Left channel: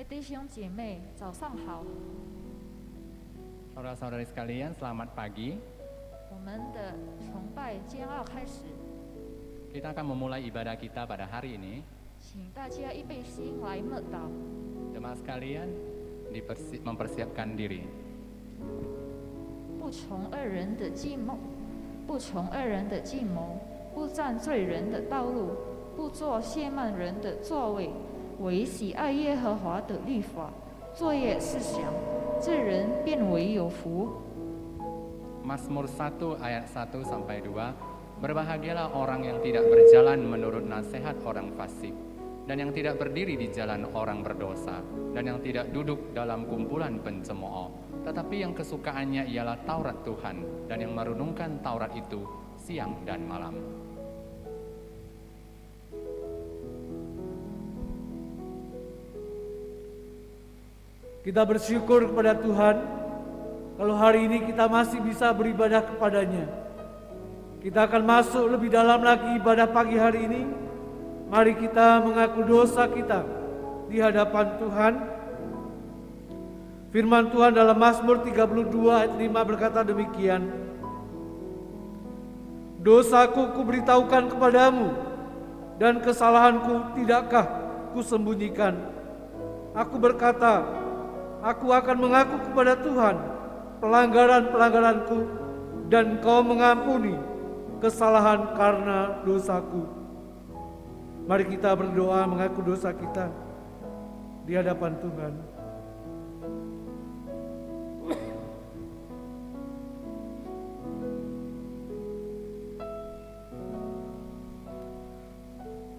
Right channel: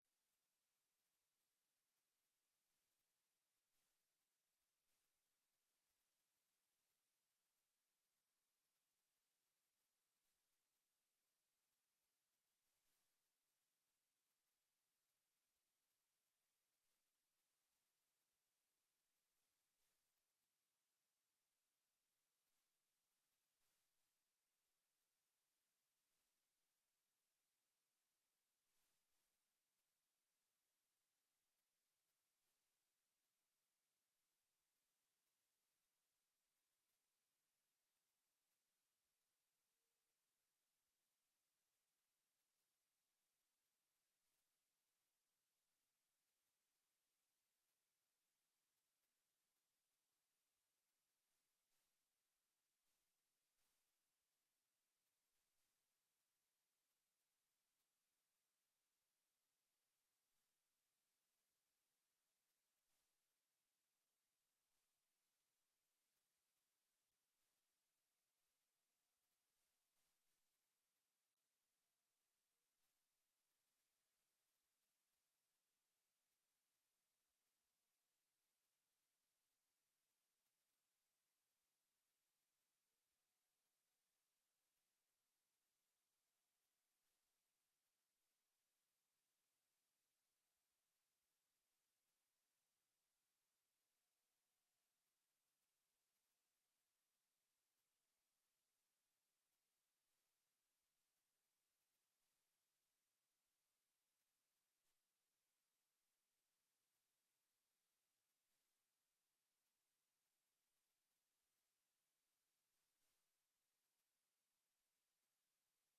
位弟兄姐妹，早上好。 Saudara-saudari sekalian, selamat pagi. 我们的崇拜将要开始， Kita akan memulai ibadah kita pada hari ini. 请大家预备心来默祷。 Jemaat sekalian, mempersiapkan diri. 不从恶人的计谋，不从恶人的计谋，不占罪人的道路，不做亵慢人的座位，唯喜爱耶和华的律法，昼夜思想，这人便为有福。 Mazmur 1 ayat 1 sampai 2. Berbahagialah orang yang tidak berjalan menurut nasihat orang fasik, dan yang tidak berdiri di jalan orang berdosa, dan yang tidak duduk dalam kumpulan pencemooh, tetapi yang kesukaannya ialah Taurat Tuhan, dan yang merenungkan Taurat itu siang dan malam. Kita bersyukur kepada Tuhan kalau hari ini kita masih bisa beribadah kepadanya. Kita akan masuk lebih dalam lagi ibadah pagi hari ini. Mari kita mengaku dosa kita di hadapan Tuhan. Firman Tuhan dalam Mazmur 32 ayat 5 berkata demikian. Dosaku kuberitahukan kepadamu, dan kesalahanku tidakkah kusembunyikan. Aku berkata, aku akan mengaku kepada Tuhan pelanggaran-pelanggaranku, dan Kau mengampuni kesalahan karena dosaku. Mari kita berdoa mengaku dosa kita di hadapan Tuhan.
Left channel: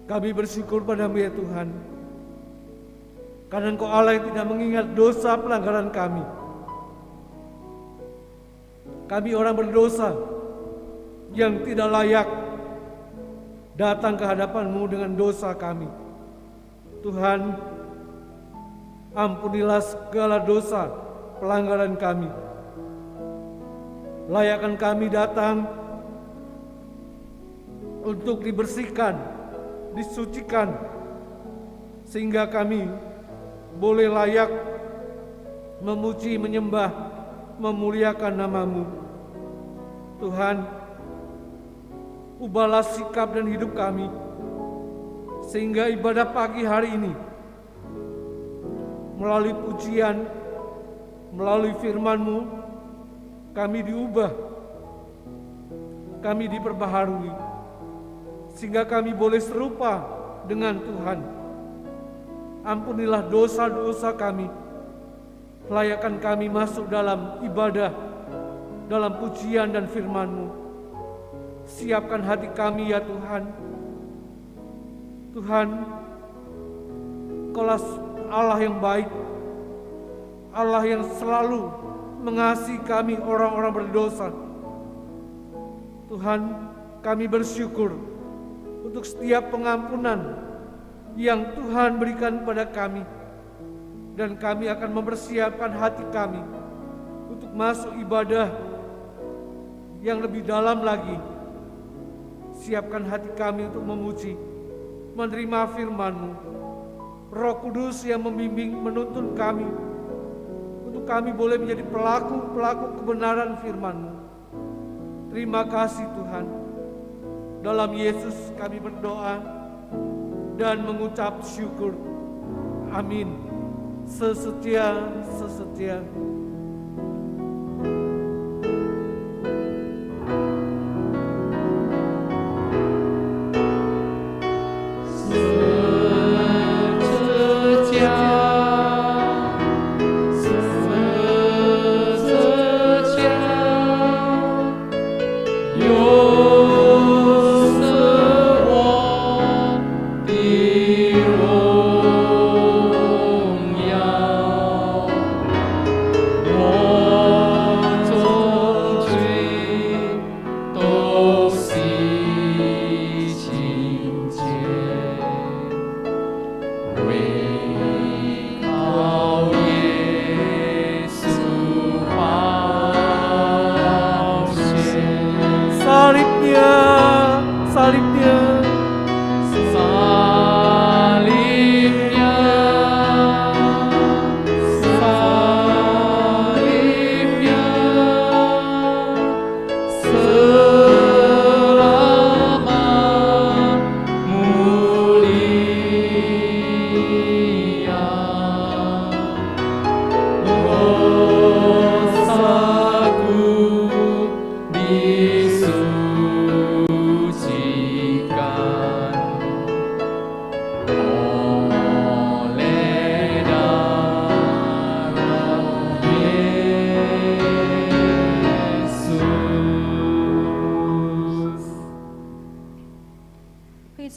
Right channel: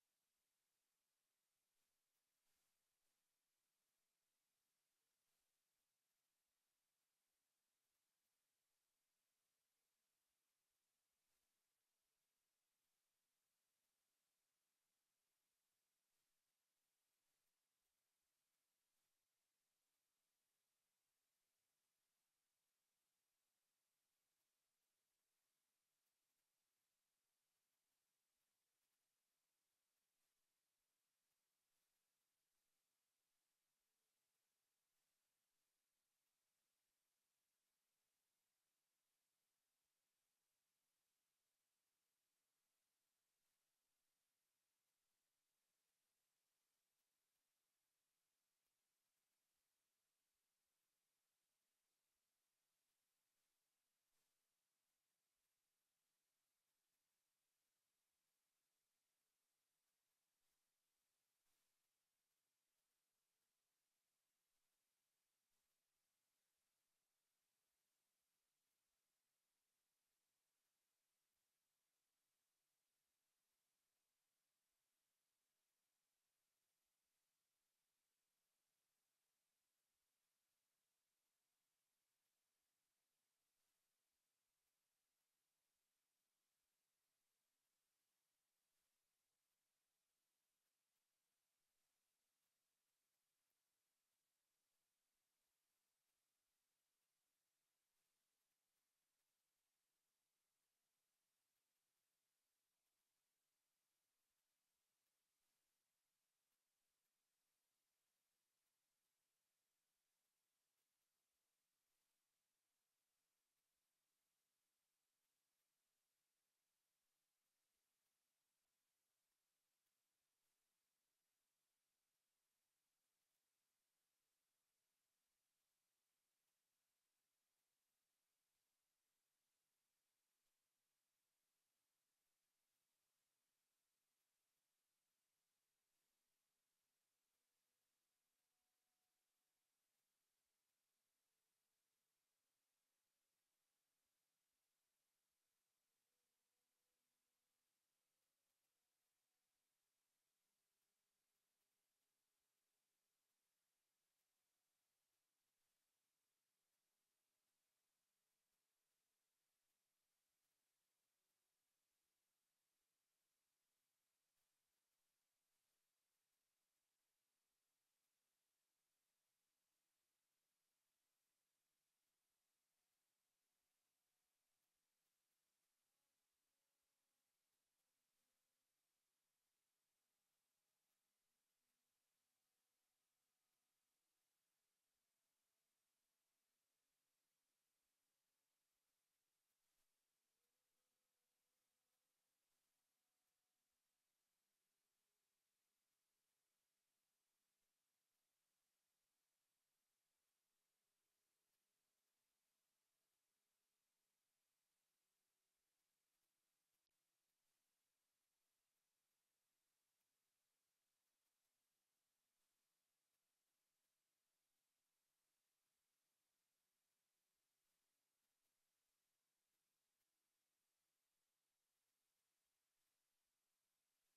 Kami bersyukur padamu ya Tuhan, karena Engkau Allah yang tidak mengingat dosa pelanggaran kami. Kami orang berdosa yang tidak layak datang ke hadapan-Mu dengan dosa kami. Tuhan, ampunilah segala dosa pelanggaran kami. Layakkan kami datang untuk dibersihkan, disucikan, sehingga kami boleh layak memuji, menyembah, memuliakan nama-Mu. Tuhan, ubahlah sikap dan hidup kami, sehingga ibadah pagi hari ini melalui pujian, melalui firman-Mu, kami diubah, kami diperbaharui, sehingga kami boleh serupa dengan Tuhan. Ampunilah dosa-dosa kami, layakkan kami masuk dalam ibadah, dalam pujian dan firman-Mu. Siapkan hati kami ya Tuhan. Tuhan, Kaulah Allah yang baik, Allah yang selalu mengasihi kami orang-orang berdosa. Tuhan, kami bersyukur untuk setiap pengampunan yang Tuhan berikan pada kami, dan kami akan mempersiapkan hati kami untuk masuk ibadah yang lebih dalam lagi. Siapkan hati kami untuk memuji, menerima firman-Mu. Roh Kudus yang membimbing, menuntun kami, untuk kami boleh menjadi pelaku-pelaku kebenaran firman-Mu. Terima kasih Tuhan. Dalam Yesus kami berdoa dan mengucap syukur. Amin. Sesetia.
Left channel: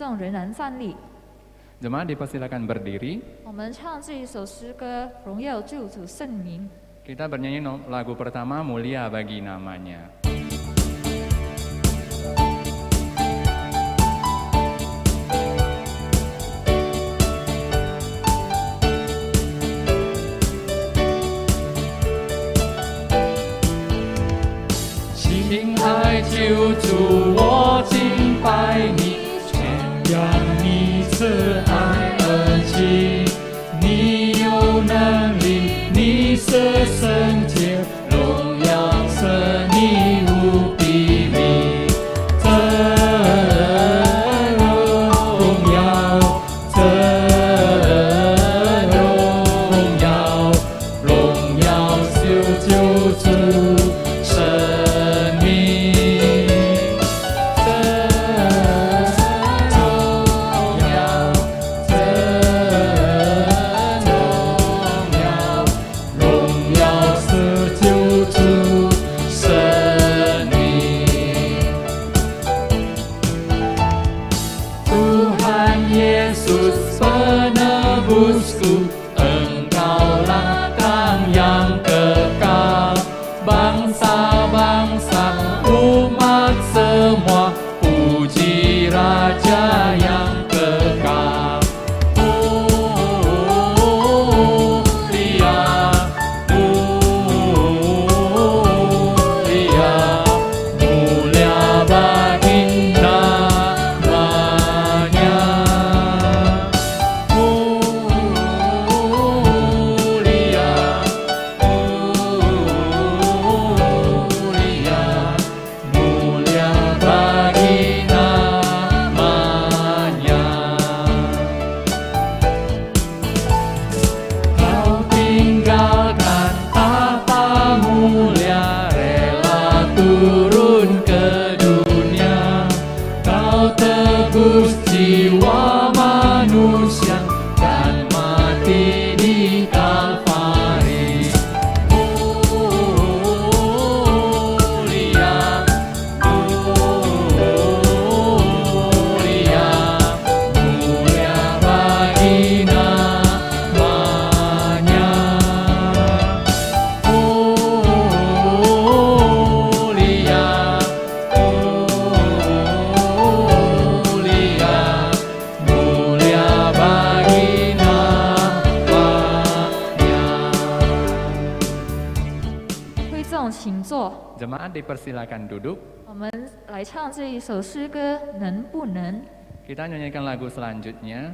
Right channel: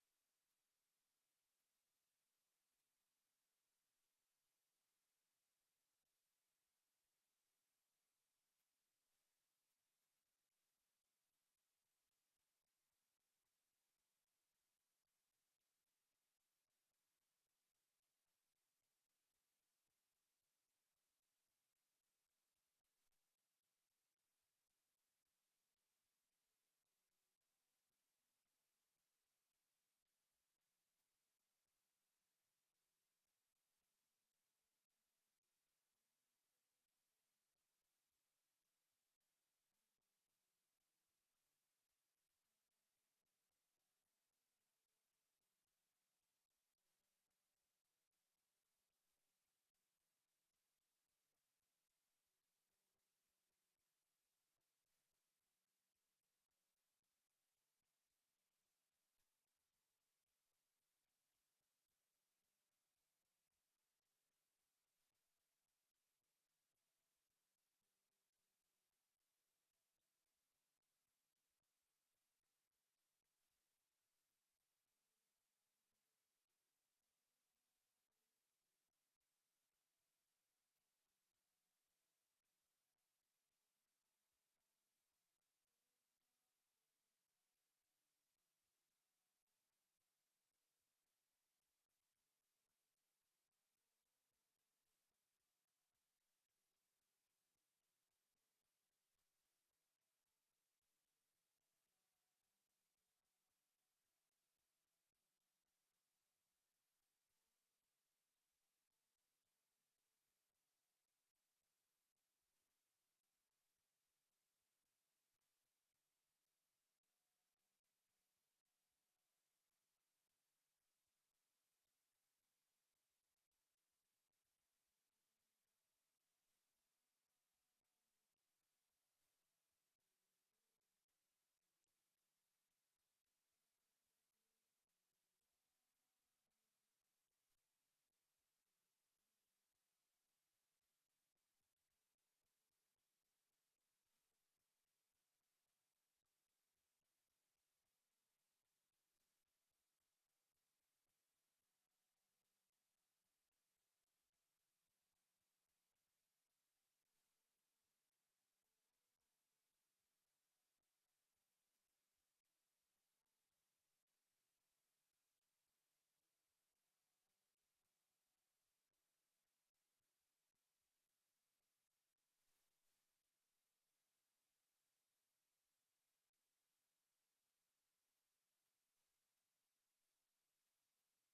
众仍然站立。 Jemaat dipersilakan berdiri. 我们唱这一首诗歌，荣耀救主圣名。 Kita bernyanyi lagu pertama, Mulia Bagi Namanya. Cintai 救主，我敬拜你，宣扬你慈爱恩情，你有能力，你是圣洁，荣耀是你无比名，这荣耀，这荣耀，荣耀是救主。 Jemaat dipersilakan duduk. 我们来唱这一首诗歌，能不能？ Kita nyanyikan lagu selanjutnya.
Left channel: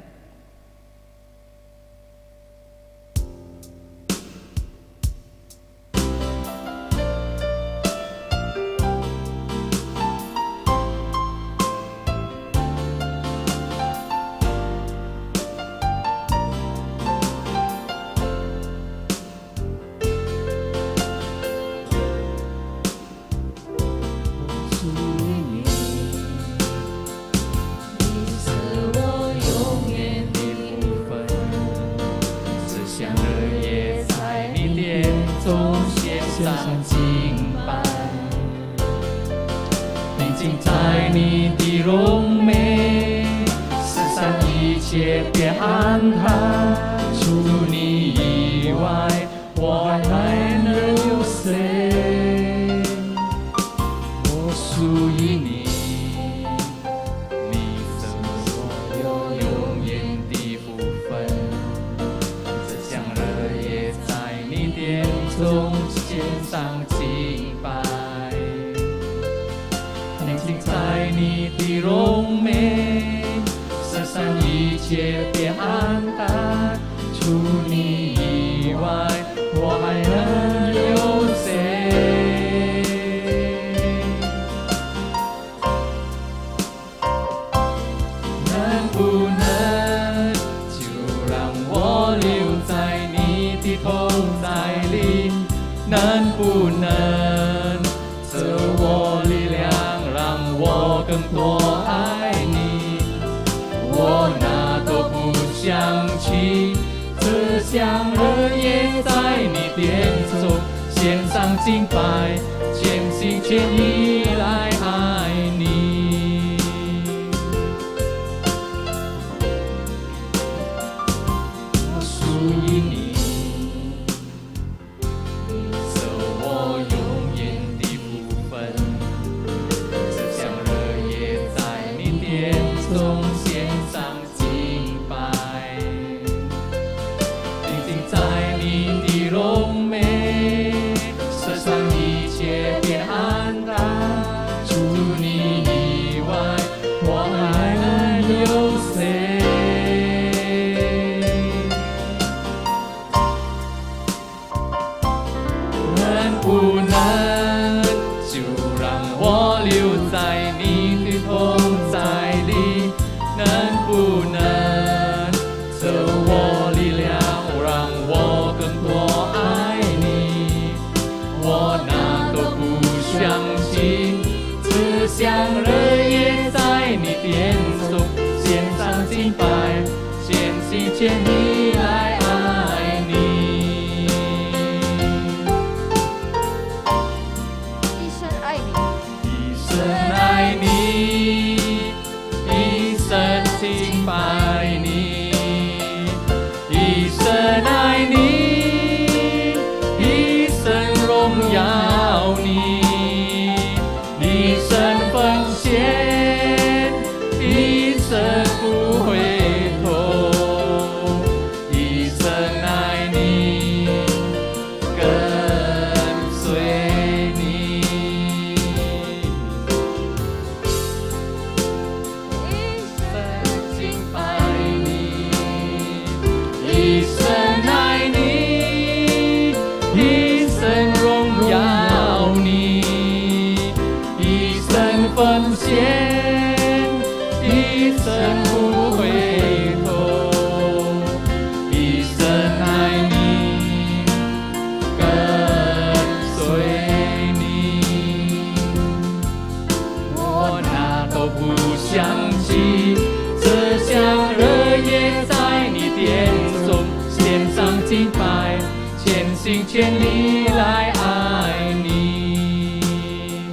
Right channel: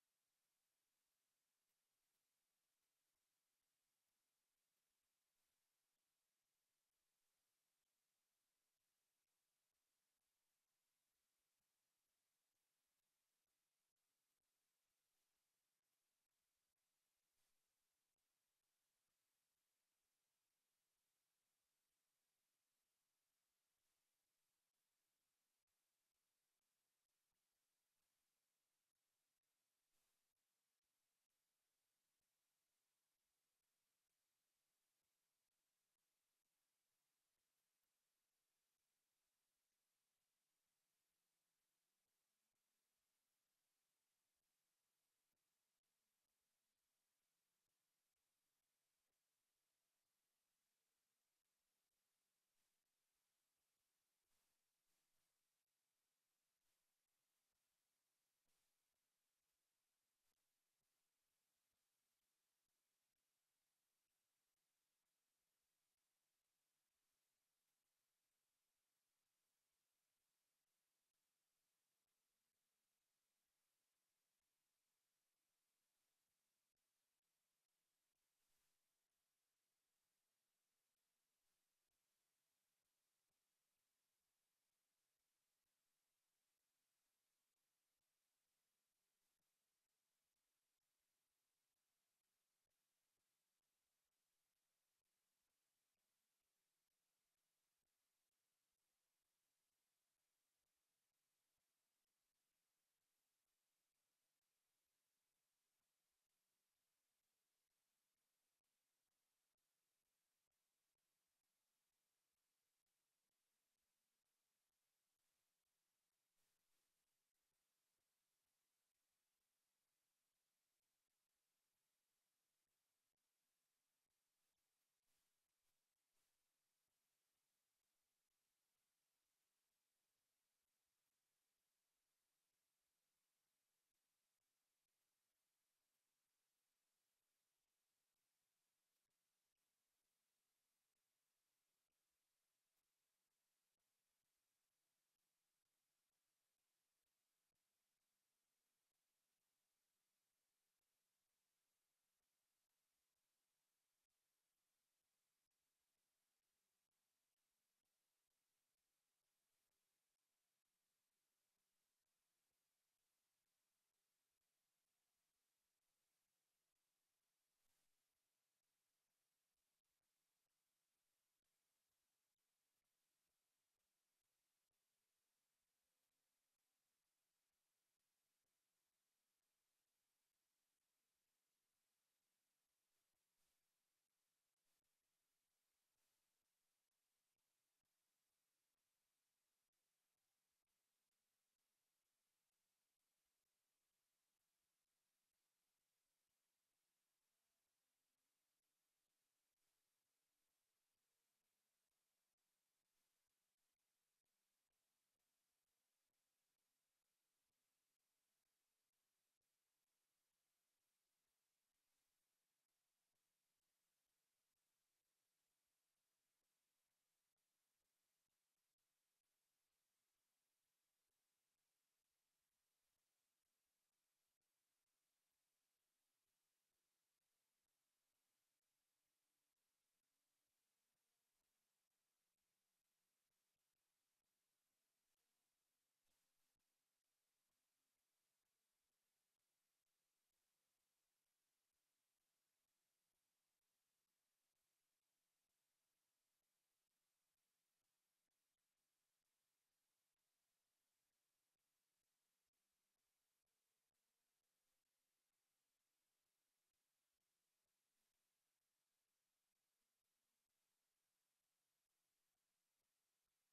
心全力来爱你。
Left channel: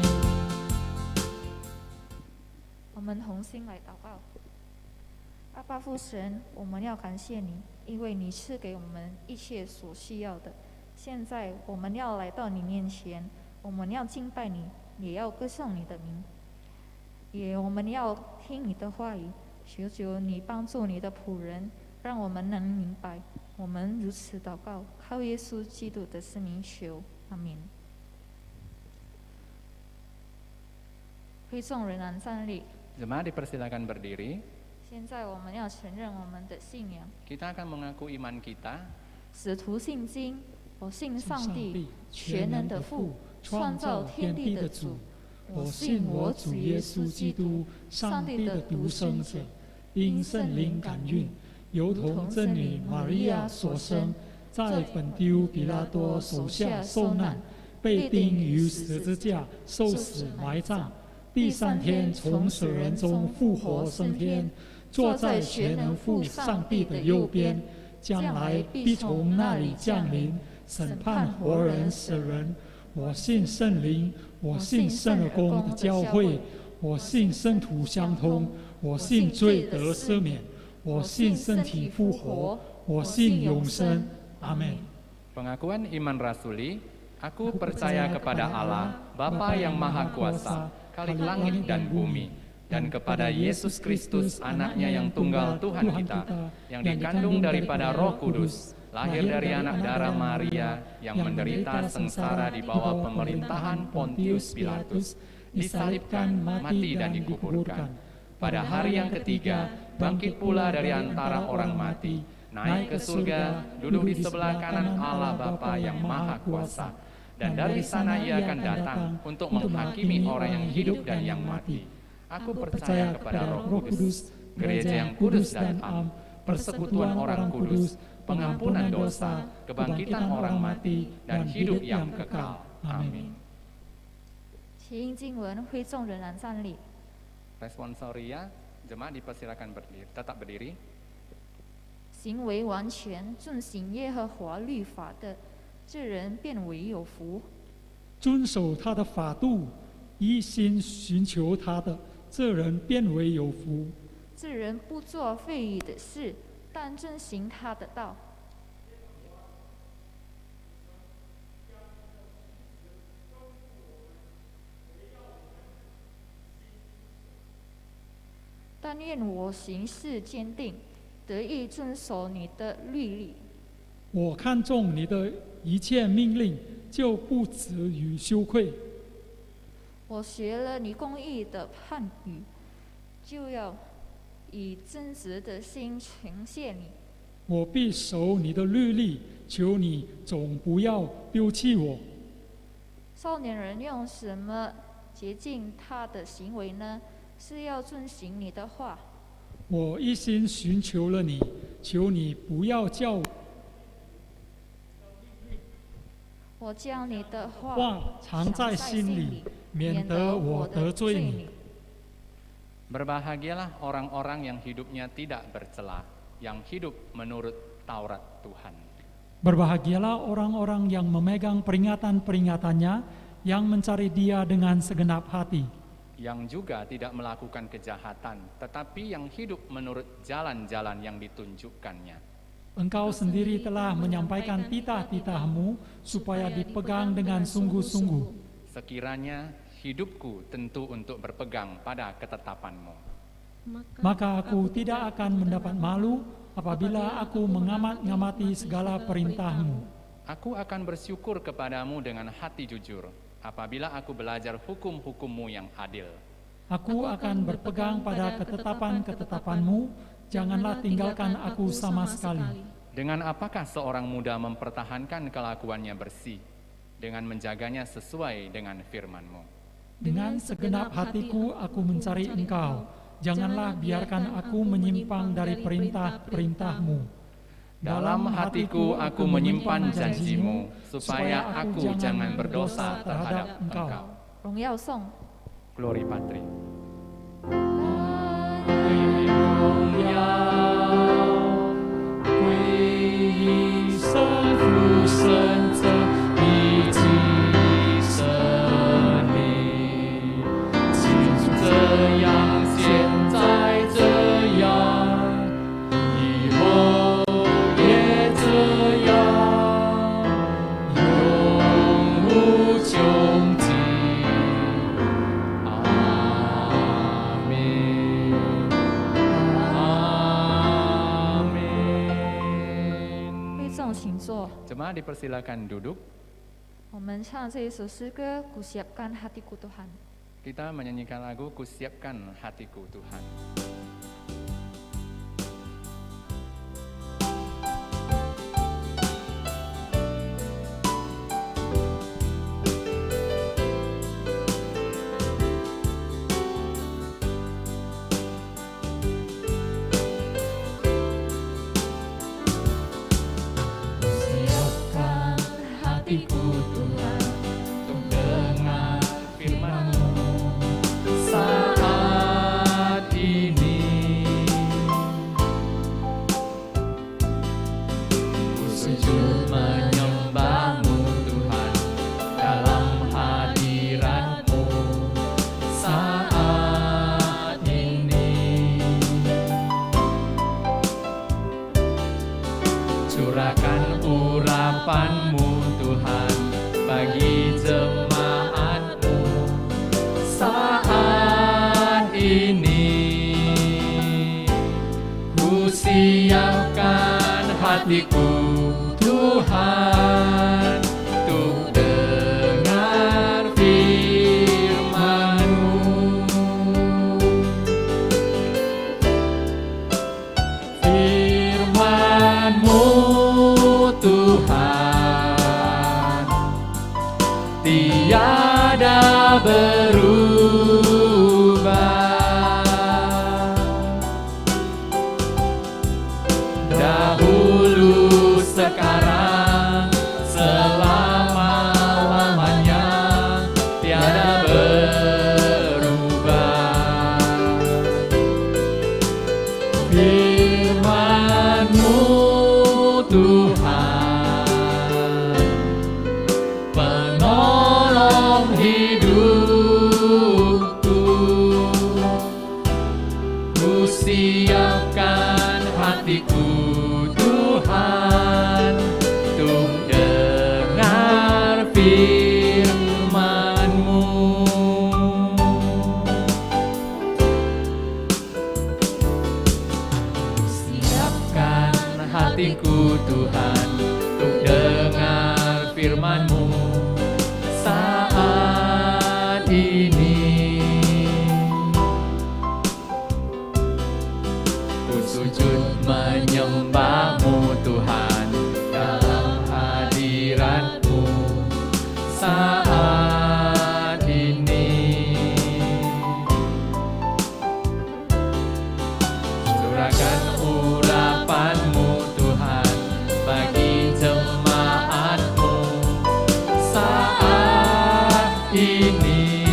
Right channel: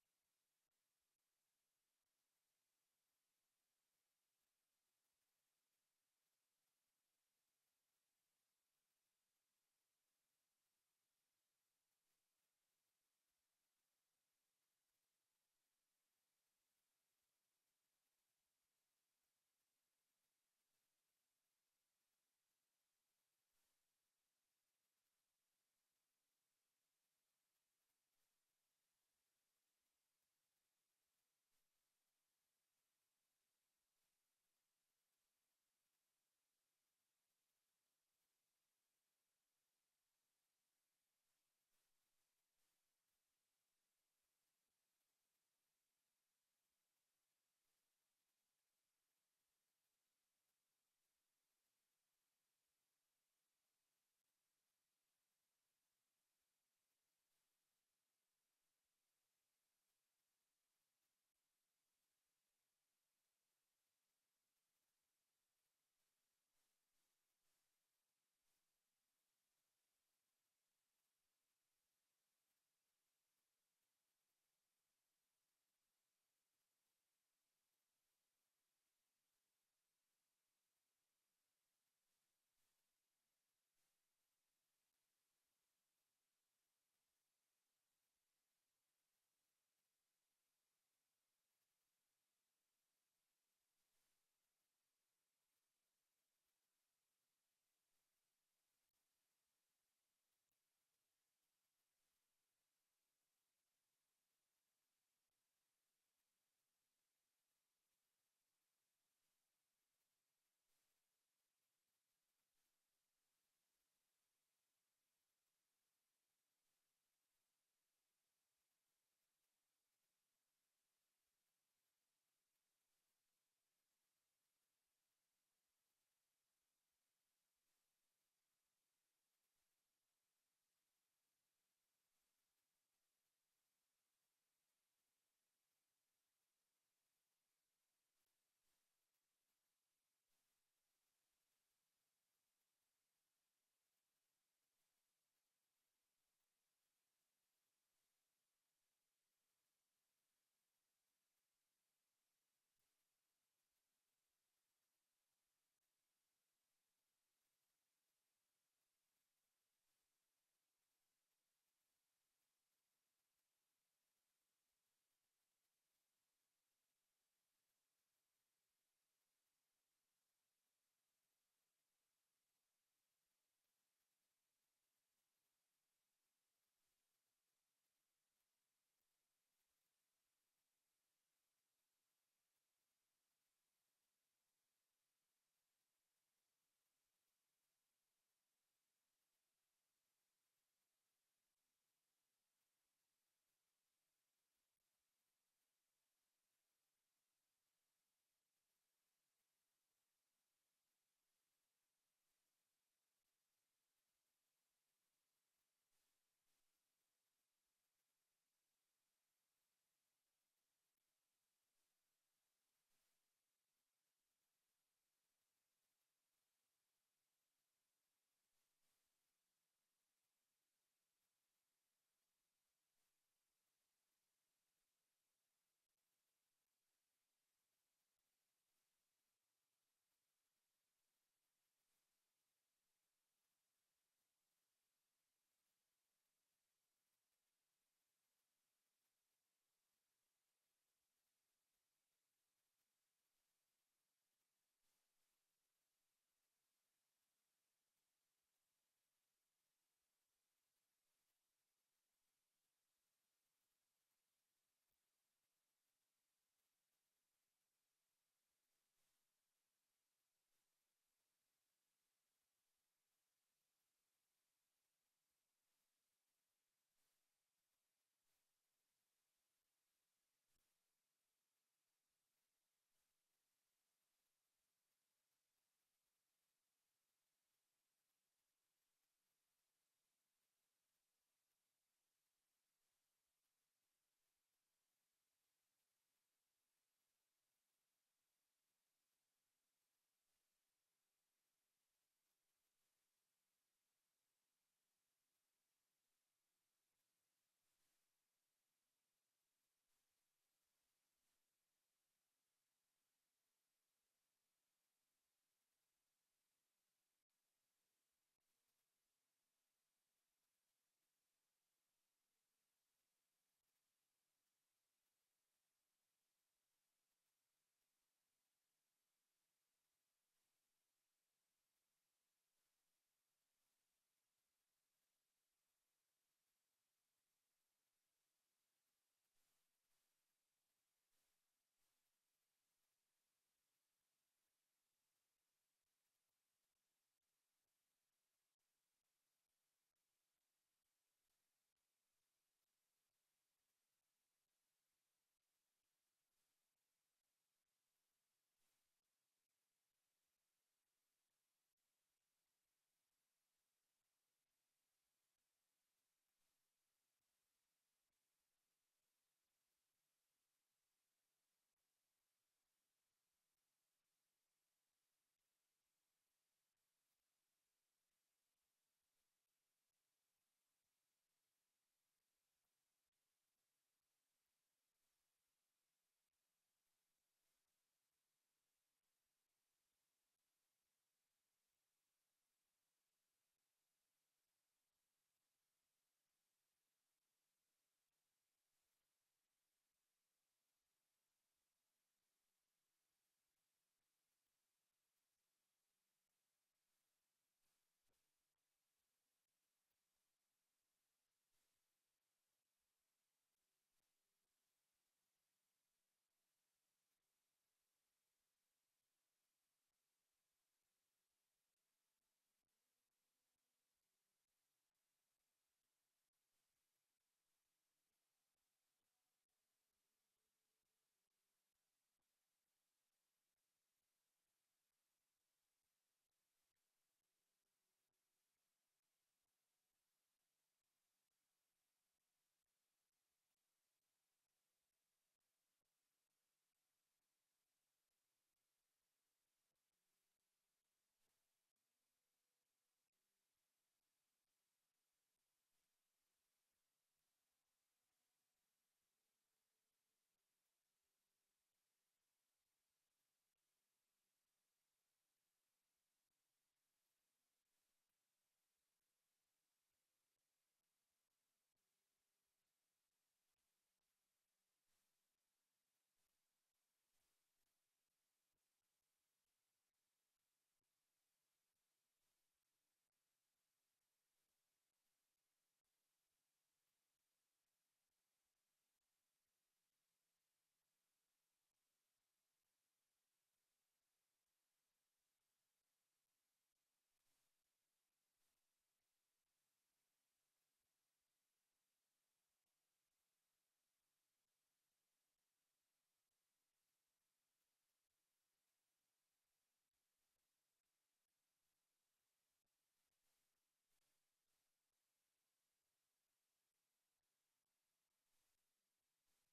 我们同心来祷告。阿爸父神，我们要感谢你，因为你赐给我们一切所需要的。现在我们要来到你面前，我们要敬拜你，也要歌颂你的名，我们要听你的话语。求你帮助你的仆人，让我们能明白。我们如此祷告，靠耶稣基督的圣名求，阿门。会众仍然站立。 Jemaat dipersilakan berdiri. 现在我们要承认我们的信仰。 Kita akan mengaku iman kita. 使徒信经，我信上帝，全能的父，创造天地的主。我信我主耶稣基督，上帝的独生子，因圣灵感孕，由童真女玛利亚所生，在本丢彼拉多手下受难，被钉于十字架，受死埋葬。 第3天从死人中复活升天，坐在全能父上帝的右边，将来必从那里降临，审判活人死人。我信圣灵，我信圣而公的教会，我信圣徒相通，我信罪得赦免，我信身体复活，我信永生。阿门。 Pengakuan iman rasuli, aku percaya kepada Allah, Bapa yang Maha Kuasa, Khalik langit dan bumi, dan kepada Yesus Kristus, Anaknya yang tunggal Tuhan kita, yang dikandung daripada Roh Kudus, lahir dari anak darah Maria, yang menderita sengsara di bawah pemerintahan Pontius Pilatus, disalibkan, mati dan dikuburkan. Pada hari yang ketiga, bangkit pula dari antara orang mati, naik ke surga, duduk di sebelah kanan Allah Bapa yang Maha Kuasa. Dan dari sana ia akan datang untuk menghakimi orang yang hidup dan yang mati. Aku percaya kepada Roh Kudus, gereja yang kudus dan am, persekutuan orang kudus, pengampunan dosa, kebangkitan orang mati, dan hidup yang kekal. Amin. 起因经文，会众仍然站立。 Responsoria, jemaat dipersilakan berdiri, tetap berdiri. 行为完全遵行耶和华律法的，这人便为有福。遵守他的法度，一心寻求他的，这人便为有福。这人不做废语的事，但遵行他的道。但愿我行事坚定，得以遵守你的律例。我看重你的一切命令，就不至于羞愧。我学了你公义的判语，就要以真实的心呈现你。我必守你的律例，求你总不要丢弃我。少年人用什么洁净他的行为呢？是要遵行你的话。我一心寻求了你，求你不要叫我将你的话藏在心里，免得我得罪你。 Berbahagialah orang-orang yang hidupnya tidak bercela, yang hidup menurut Taurat Tuhan. Berbahagialah orang-orang yang memegang peringatan-peringatannya, yang mencari Dia dengan segenap hati. Yang juga tidak melakukan kejahatan, tetapi yang hidup menurut jalan-jalan yang ditunjukkannya. Engkau sendiri telah menyampaikan titah-titah-Mu supaya dipegang dengan sungguh-sungguh. Sekiranya hidupku tentu untuk berpegang pada ketetapan-Mu. Maka aku tidak akan mendapat malu apabila aku mengamat-ngamati segala perintah-Mu. Aku akan bersyukur kepadamu dengan hati jujur, apabila aku belajar hukum-hukum-Mu yang adil. Aku akan berpegang pada ketetapan-ketetapan-Mu, janganlah tinggalkan aku sama sekali. Dengan apakah seorang muda mempertahankan kelakuannya bersih, dengan menjaganya sesuai dengan firman-Mu. Dengan segenap hatiku aku mencari Engkau, janganlah biarkan aku menyimpang dari perintah-perintah-Mu. Dalam hatiku aku menyimpan janji-Mu, supaya aku jangan berdosa terhadap Engkau. 荣耀颂。 Glory Patri. 荣耀归于圣父、圣子。请坐。 Jemaat dipersilakan duduk. 我们唱这一首诗歌，Ku siapkan hatiku Tuhan。 Kita menyanyikan lagu Ku Siapkan Hatiku Tuhan. Siapkan hatiku Tuhan untuk dengar firman-Mu. Saat ini ku sujud menyembah-Mu Tuhan dalam hadirat-Mu. Saat ini curahkan urapan-Mu Tuhan bagi jemaat-Mu. Saat ini ku siapkan hatiku Tuhan untuk dengar firman-Mu. Firman-Mu Tuhan tiada berubah. Dahulu, sekarang, selama-lamanya tiada berubah. Firman-Mu Tuhan penolong hidupku. Ku siapkan hatiku Tuhan untuk dengar firman-Mu. Siapkan hatiku Tuhan untuk dengar firman-Mu. Saat ini ku sujud menyembah-Mu Tuhan dalam hadirat-Mu. Saat ini curahkan urapan-Mu Tuhan bagi jemaat-Mu. Saat ini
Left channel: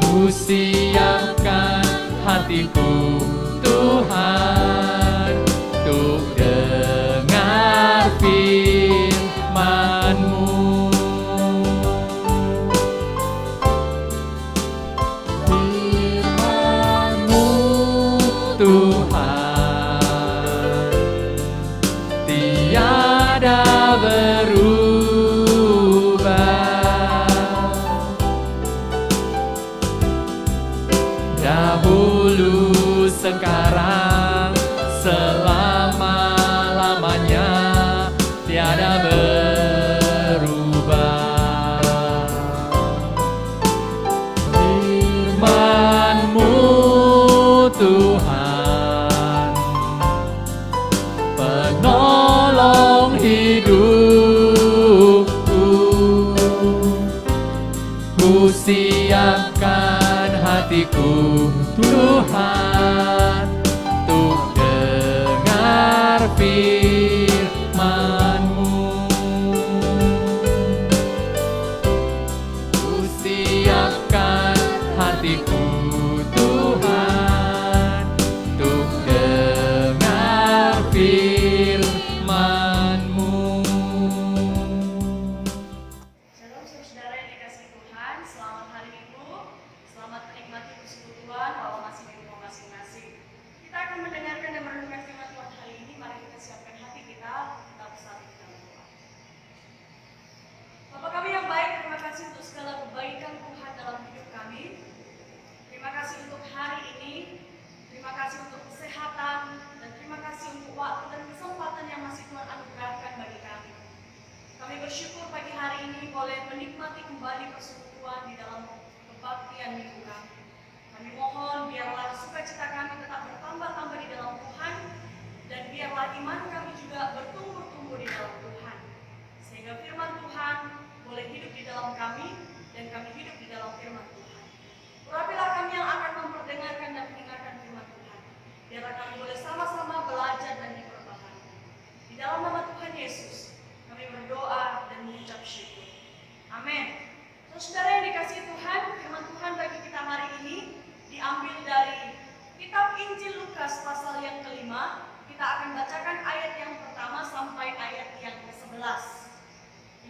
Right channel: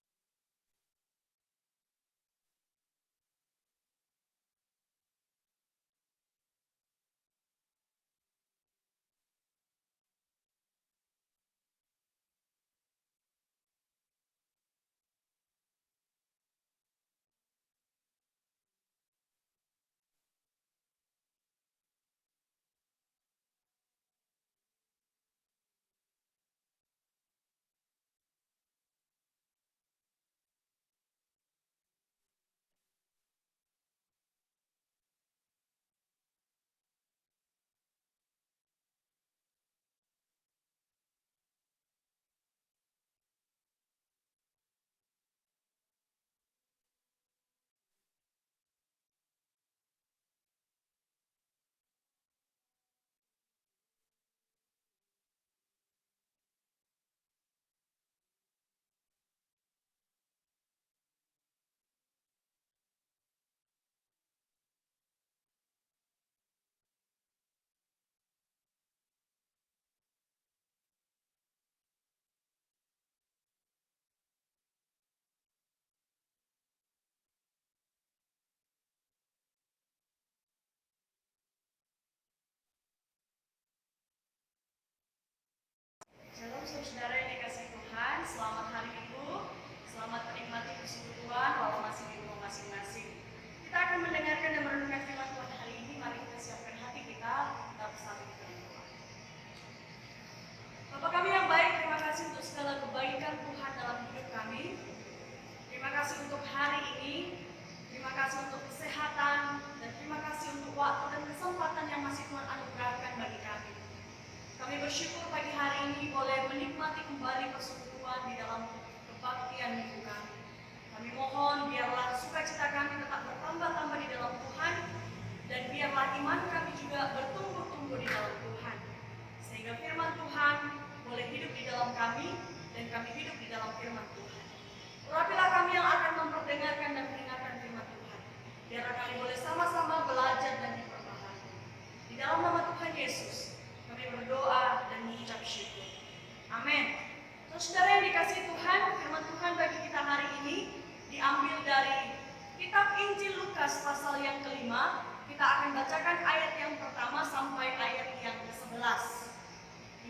ku siapkan hatiku Tuhan untuk dengar firman-Mu. Firman-Mu Tuhan tiada berubah. Dahulu, sekarang, selama-lamanya tiada berubah. Firman-Mu Tuhan penolong hidupku. Ku siapkan hatiku Tuhan untuk dengar firman-Mu. Ku siapkan hatiku Tuhan untuk dengar firman-Mu. Shalom saudara yang dikasihi Tuhan, selamat hari Minggu, selamat menikmati persekutuan walau masih di rumah masing-masing. Kita akan mendengarkan dan merenungkan firman Tuhan hari ini. Mari kita siapkan hati kita bersatu di dalam doa. Bapa kami yang baik, terima kasih untuk segala kebaikan Tuhan dalam hidup kami. Terima kasih untuk hari ini. Terima Terima kasih untuk kesehatan, dan terima kasih untuk waktu dan kesempatan yang masih Tuhan anugerahkan bagi kami. Kami bersyukur pagi hari ini boleh menikmati kembali persekutuan di dalam kebaktian minggu kami. Kami mohon biarlah sukacita kami tetap bertambah-tambah di dalam Tuhan, dan biarlah iman kami juga bertumbuh-tumbuh di dalam Tuhan. Sehingga firman Tuhan boleh hidup di dalam kami, dan kami hidup di dalam firman Tuhan. Urapilah kami yang akan memperdengarkan dan mendengarkan firman Tuhan. Biarlah kami boleh sama-sama belajar dan diperbaharui. Di dalam nama Tuhan Yesus, kami berdoa dan mengucap syukur. Amin. Saudara yang dikasihi Tuhan, firman Tuhan bagi kita hari ini diambil dari kitab Injil Lukas pasal yang kelima. Kita akan bacakan ayat yang pertama sampai ayat yang ke-11.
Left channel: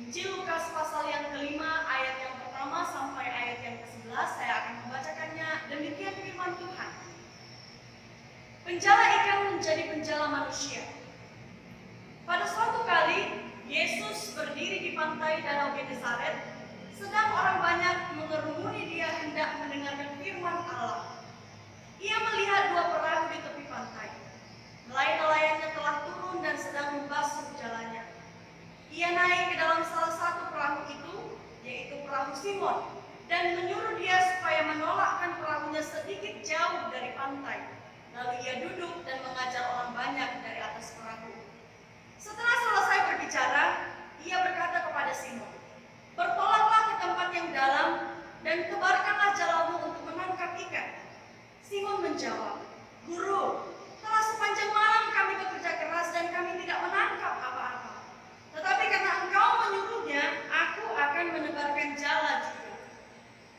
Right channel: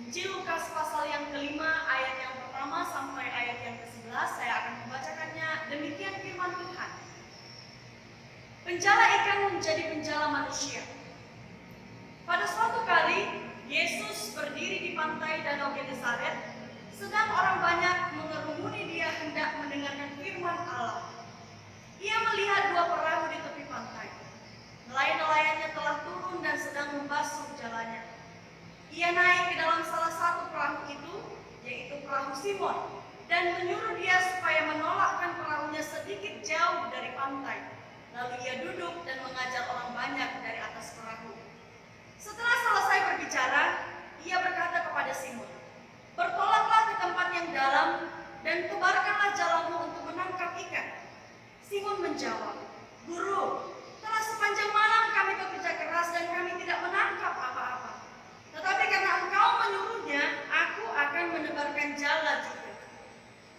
Injil Lukas pasal yang kelima, ayat yang pertama sampai ayat yang ke-11. Saya akan membacakannya. Demikian firman Tuhan. Penjala ikan menjadi penjala manusia. Pada suatu kali, Yesus berdiri di pantai Danau Genesaret, sedang orang banyak mengerumuni dia hendak mendengarkan firman Allah. Ia melihat dua perahu di tepi pantai. Nelayan-nelayannya telah turun dan sedang membasuh jalannya. Ia naik ke dalam salah satu perahu itu, yaitu perahu Simon, dan menyuruh dia supaya menolakkan perahunya sedikit jauh dari pantai. Lalu ia duduk dan mengajar orang banyak dari atas perahu. Setelah selesai berbicara, ia berkata kepada Simon, "Bertolaklah ke tempat yang dalam dan tebarkanlah jalamu untuk menangkap ikan." Simon menjawab, "Guru, telah sepanjang malam kami bekerja keras dan kami tidak menangkap apa-apa. Tetapi karena engkau menyuruhnya, aku akan menebarkan jala juga."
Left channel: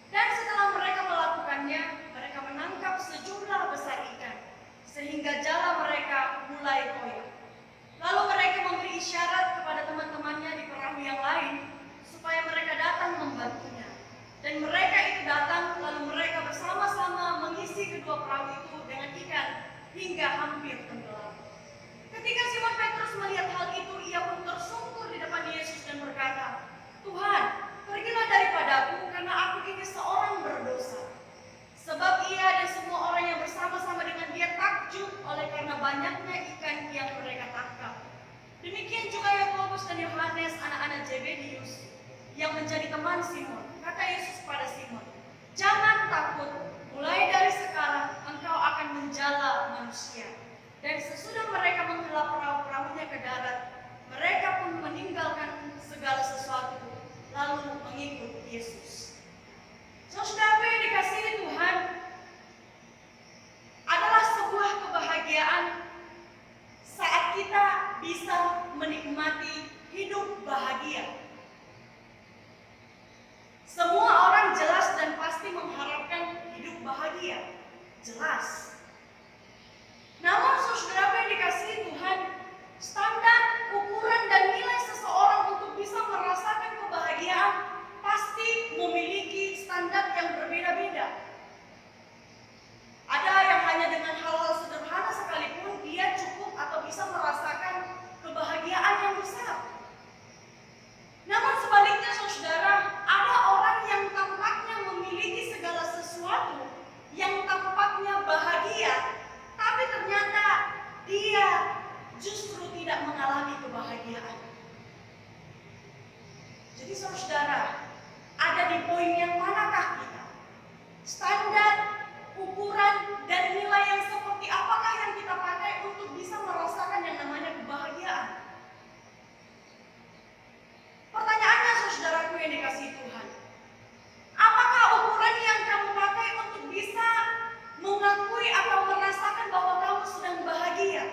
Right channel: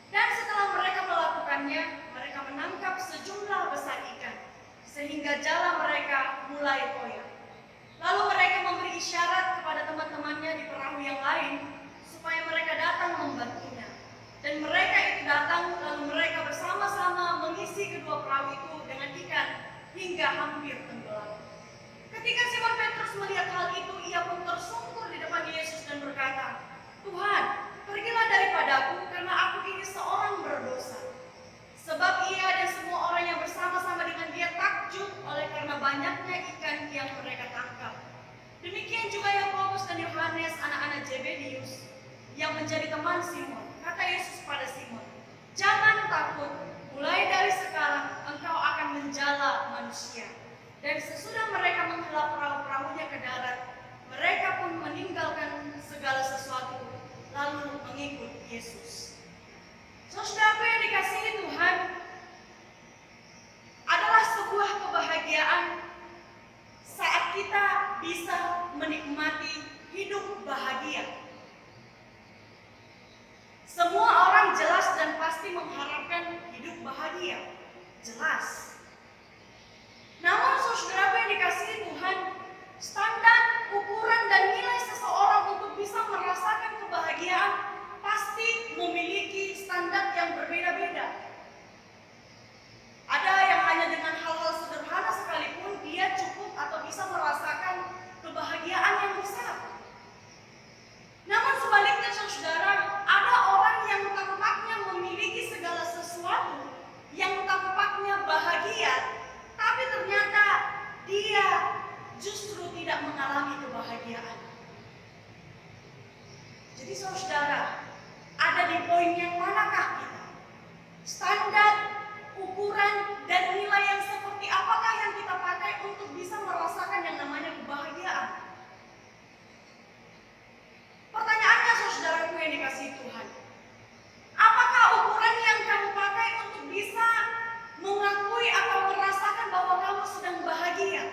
Dan setelah mereka melakukannya, mereka menangkap sejumlah besar ikan, sehingga jala mereka mulai koyak. Lalu mereka memberi isyarat kepada teman-temannya di perahu yang lain, supaya mereka datang membantunya. Dan mereka itu datang, lalu mereka bersama-sama mengisi kedua perahu itu dengan ikan, hingga hampir tenggelam. Ketika Simon Petrus melihat hal itu, ia pun tersungkur di depan Yesus dan berkata, "Tuhan, pergilah daripadaku, karena aku ini seorang berdosa." Sebab ia dan semua orang yang bersama-sama dengan dia takjub oleh karena banyaknya ikan yang mereka tangkap. Demikian juga Yakobus dan Yohanes, anak-anak Zebedius, yang menjadi teman Simon. Kata Yesus pada Simon, "Jangan takut, mulai dari sekarang engkau akan menjala manusia." Dan sesudah mereka menghela perahu-perahunya ke darat, mereka pun meninggalkan segala sesuatu, lalu mengikut Yesus. Saudaraku yang dikasihi Tuhan, adalah sebuah kebahagiaan saat kita bisa menikmati hidup bahagia. Semua orang jelas dan pasti mengharapkan hidup bahagia, jelas. Namun saudaraku yang dikasihi Tuhan, standar, ukuran, dan nilai seseorang untuk bisa merasakan kebahagiaan pasti memiliki standar yang berbeda-beda. Ada yang hanya dengan hal-hal sederhana sekalipun dia cukup atau bisa merasakan kebahagiaan yang besar. Namun sebaliknya saudara, ada orang yang tampaknya memiliki segala sesuatu, yang tampaknya bahagia, tapi ternyata dia justru tidak mengalami kebahagiaan. Jadi saudara, ada di poin yang manakah kita? Standar, ukuran, dan nilai yang seperti apakah yang kita pakai untuk bisa merasakan yang namanya kebahagiaan? Pertanyaannya saudaraku yang dikasihi Tuhan, apakah ukuran yang kamu pakai untuk bisa mengakui atau merasakan bahwa kamu sedang bahagia?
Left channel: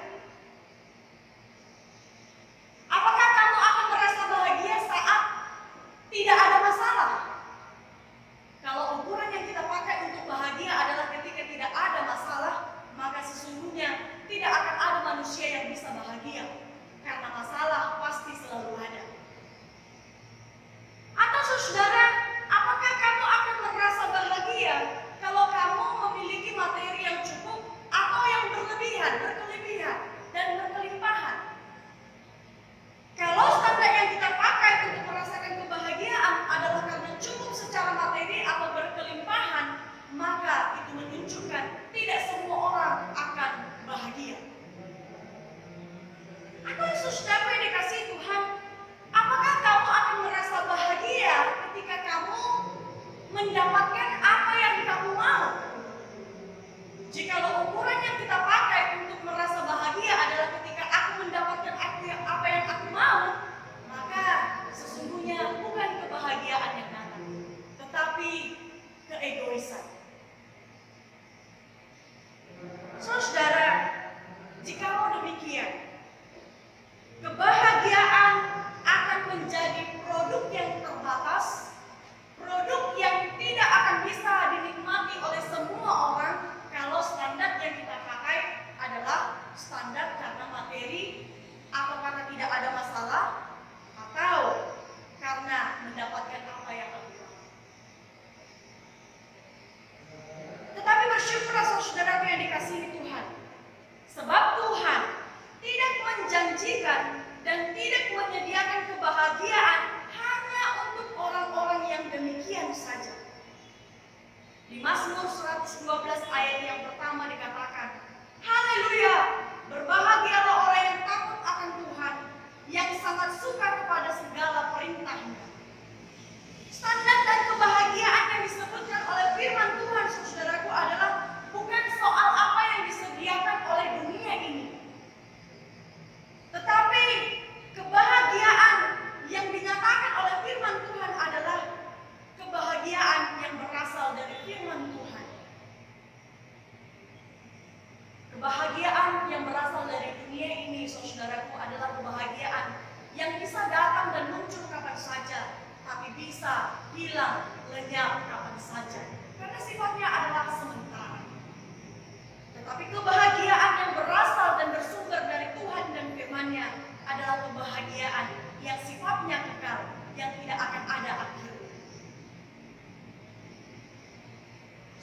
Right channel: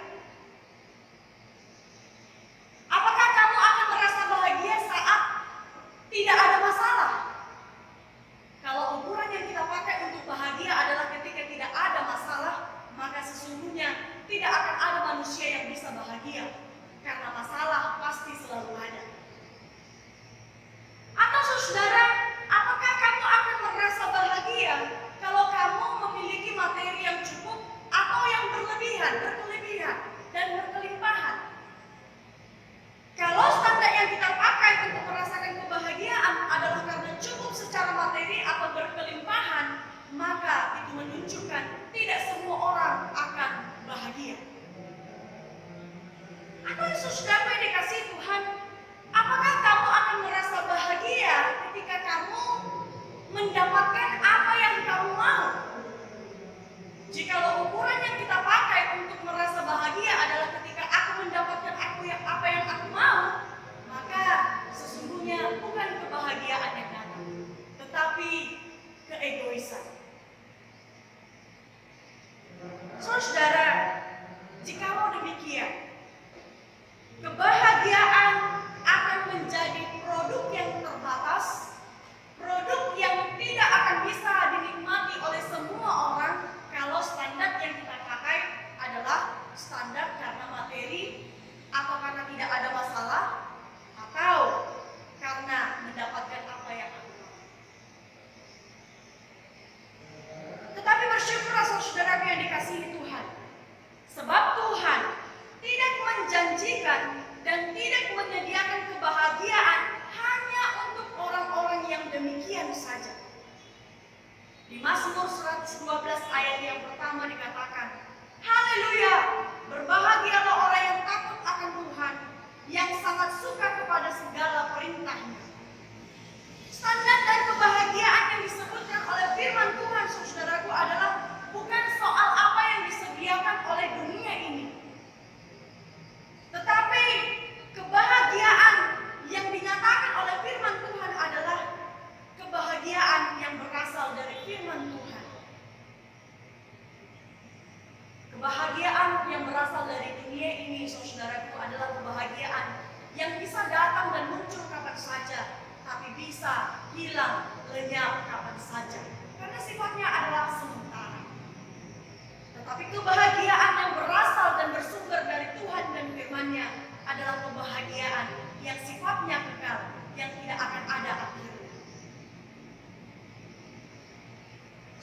Apakah kamu akan merasa bahagia saat tidak ada masalah? Kalau ukuran yang kita pakai untuk bahagia adalah ketika tidak ada masalah, maka sesungguhnya tidak akan ada manusia yang bisa bahagia, karena masalah pasti selalu ada. Atau saudara, apakah kamu akan merasa bahagia kalau kamu memiliki materi yang cukup atau yang berkelebihan, dan berkelimpahan? Kalau standar yang kita pakai untuk merasakan kebahagiaan adalah karena cukup secara materi atau berkelimpahan, maka itu menunjukkan tidak semua orang bahagia. Atau saudaraku yang dikasihi Tuhan, apakah kamu akan merasa bahagia ketika kamu mendapatkan apa yang kamu mau? Jikalau ukuran yang kita pakai untuk merasa bahagia adalah ketika aku mendapatkan apa yang aku mau, maka sesungguhnya bukan kebahagiaan yang datang, tetapi keegoisan. Saudara, jikalau demikian, kebahagiaan akan menjadi produk yang terbatas, produk yang tidak akan bisa dinikmati oleh semua orang kalau standar yang kita pakai adalah standar karena materi, atau karena tidak ada masalah, atau karena mendapatkan apa yang aku mau. Tetapi bersyukurlah saudaraku yang dikasihi Tuhan, sebab Tuhan tidak menjanjikan dan tidak menyediakan kebahagiaan hanya untuk orang-orang yang demikian saja. Di Mazmur 112 ayat yang pertama dikatakan, haleluya, berbahagialah orang yang takut akan Tuhan, yang sangat suka kepada segala perintahnya. Standar dan kebahagiaan yang disebutkan oleh firman Tuhan, saudaraku, adalah bukan soal apa yang disediakan oleh dunia ini, tetapi kebahagiaan yang dinyatakan oleh firman Tuhan adalah kebahagiaan yang berasal dari firman Tuhan. Kebahagiaan yang berasal dari dunia ini, saudaraku, adalah kebahagiaan yang bisa datang dan muncul kapan saja, tapi bisa hilang, lenyap kapan saja, karena sifatnya adalah sementara. Tetapi kebahagiaan yang berasal dan bersumber dari Tuhan dan firman-Nya adalah kebahagiaan yang sifatnya kekal, yang tidak akan ada akhirnya.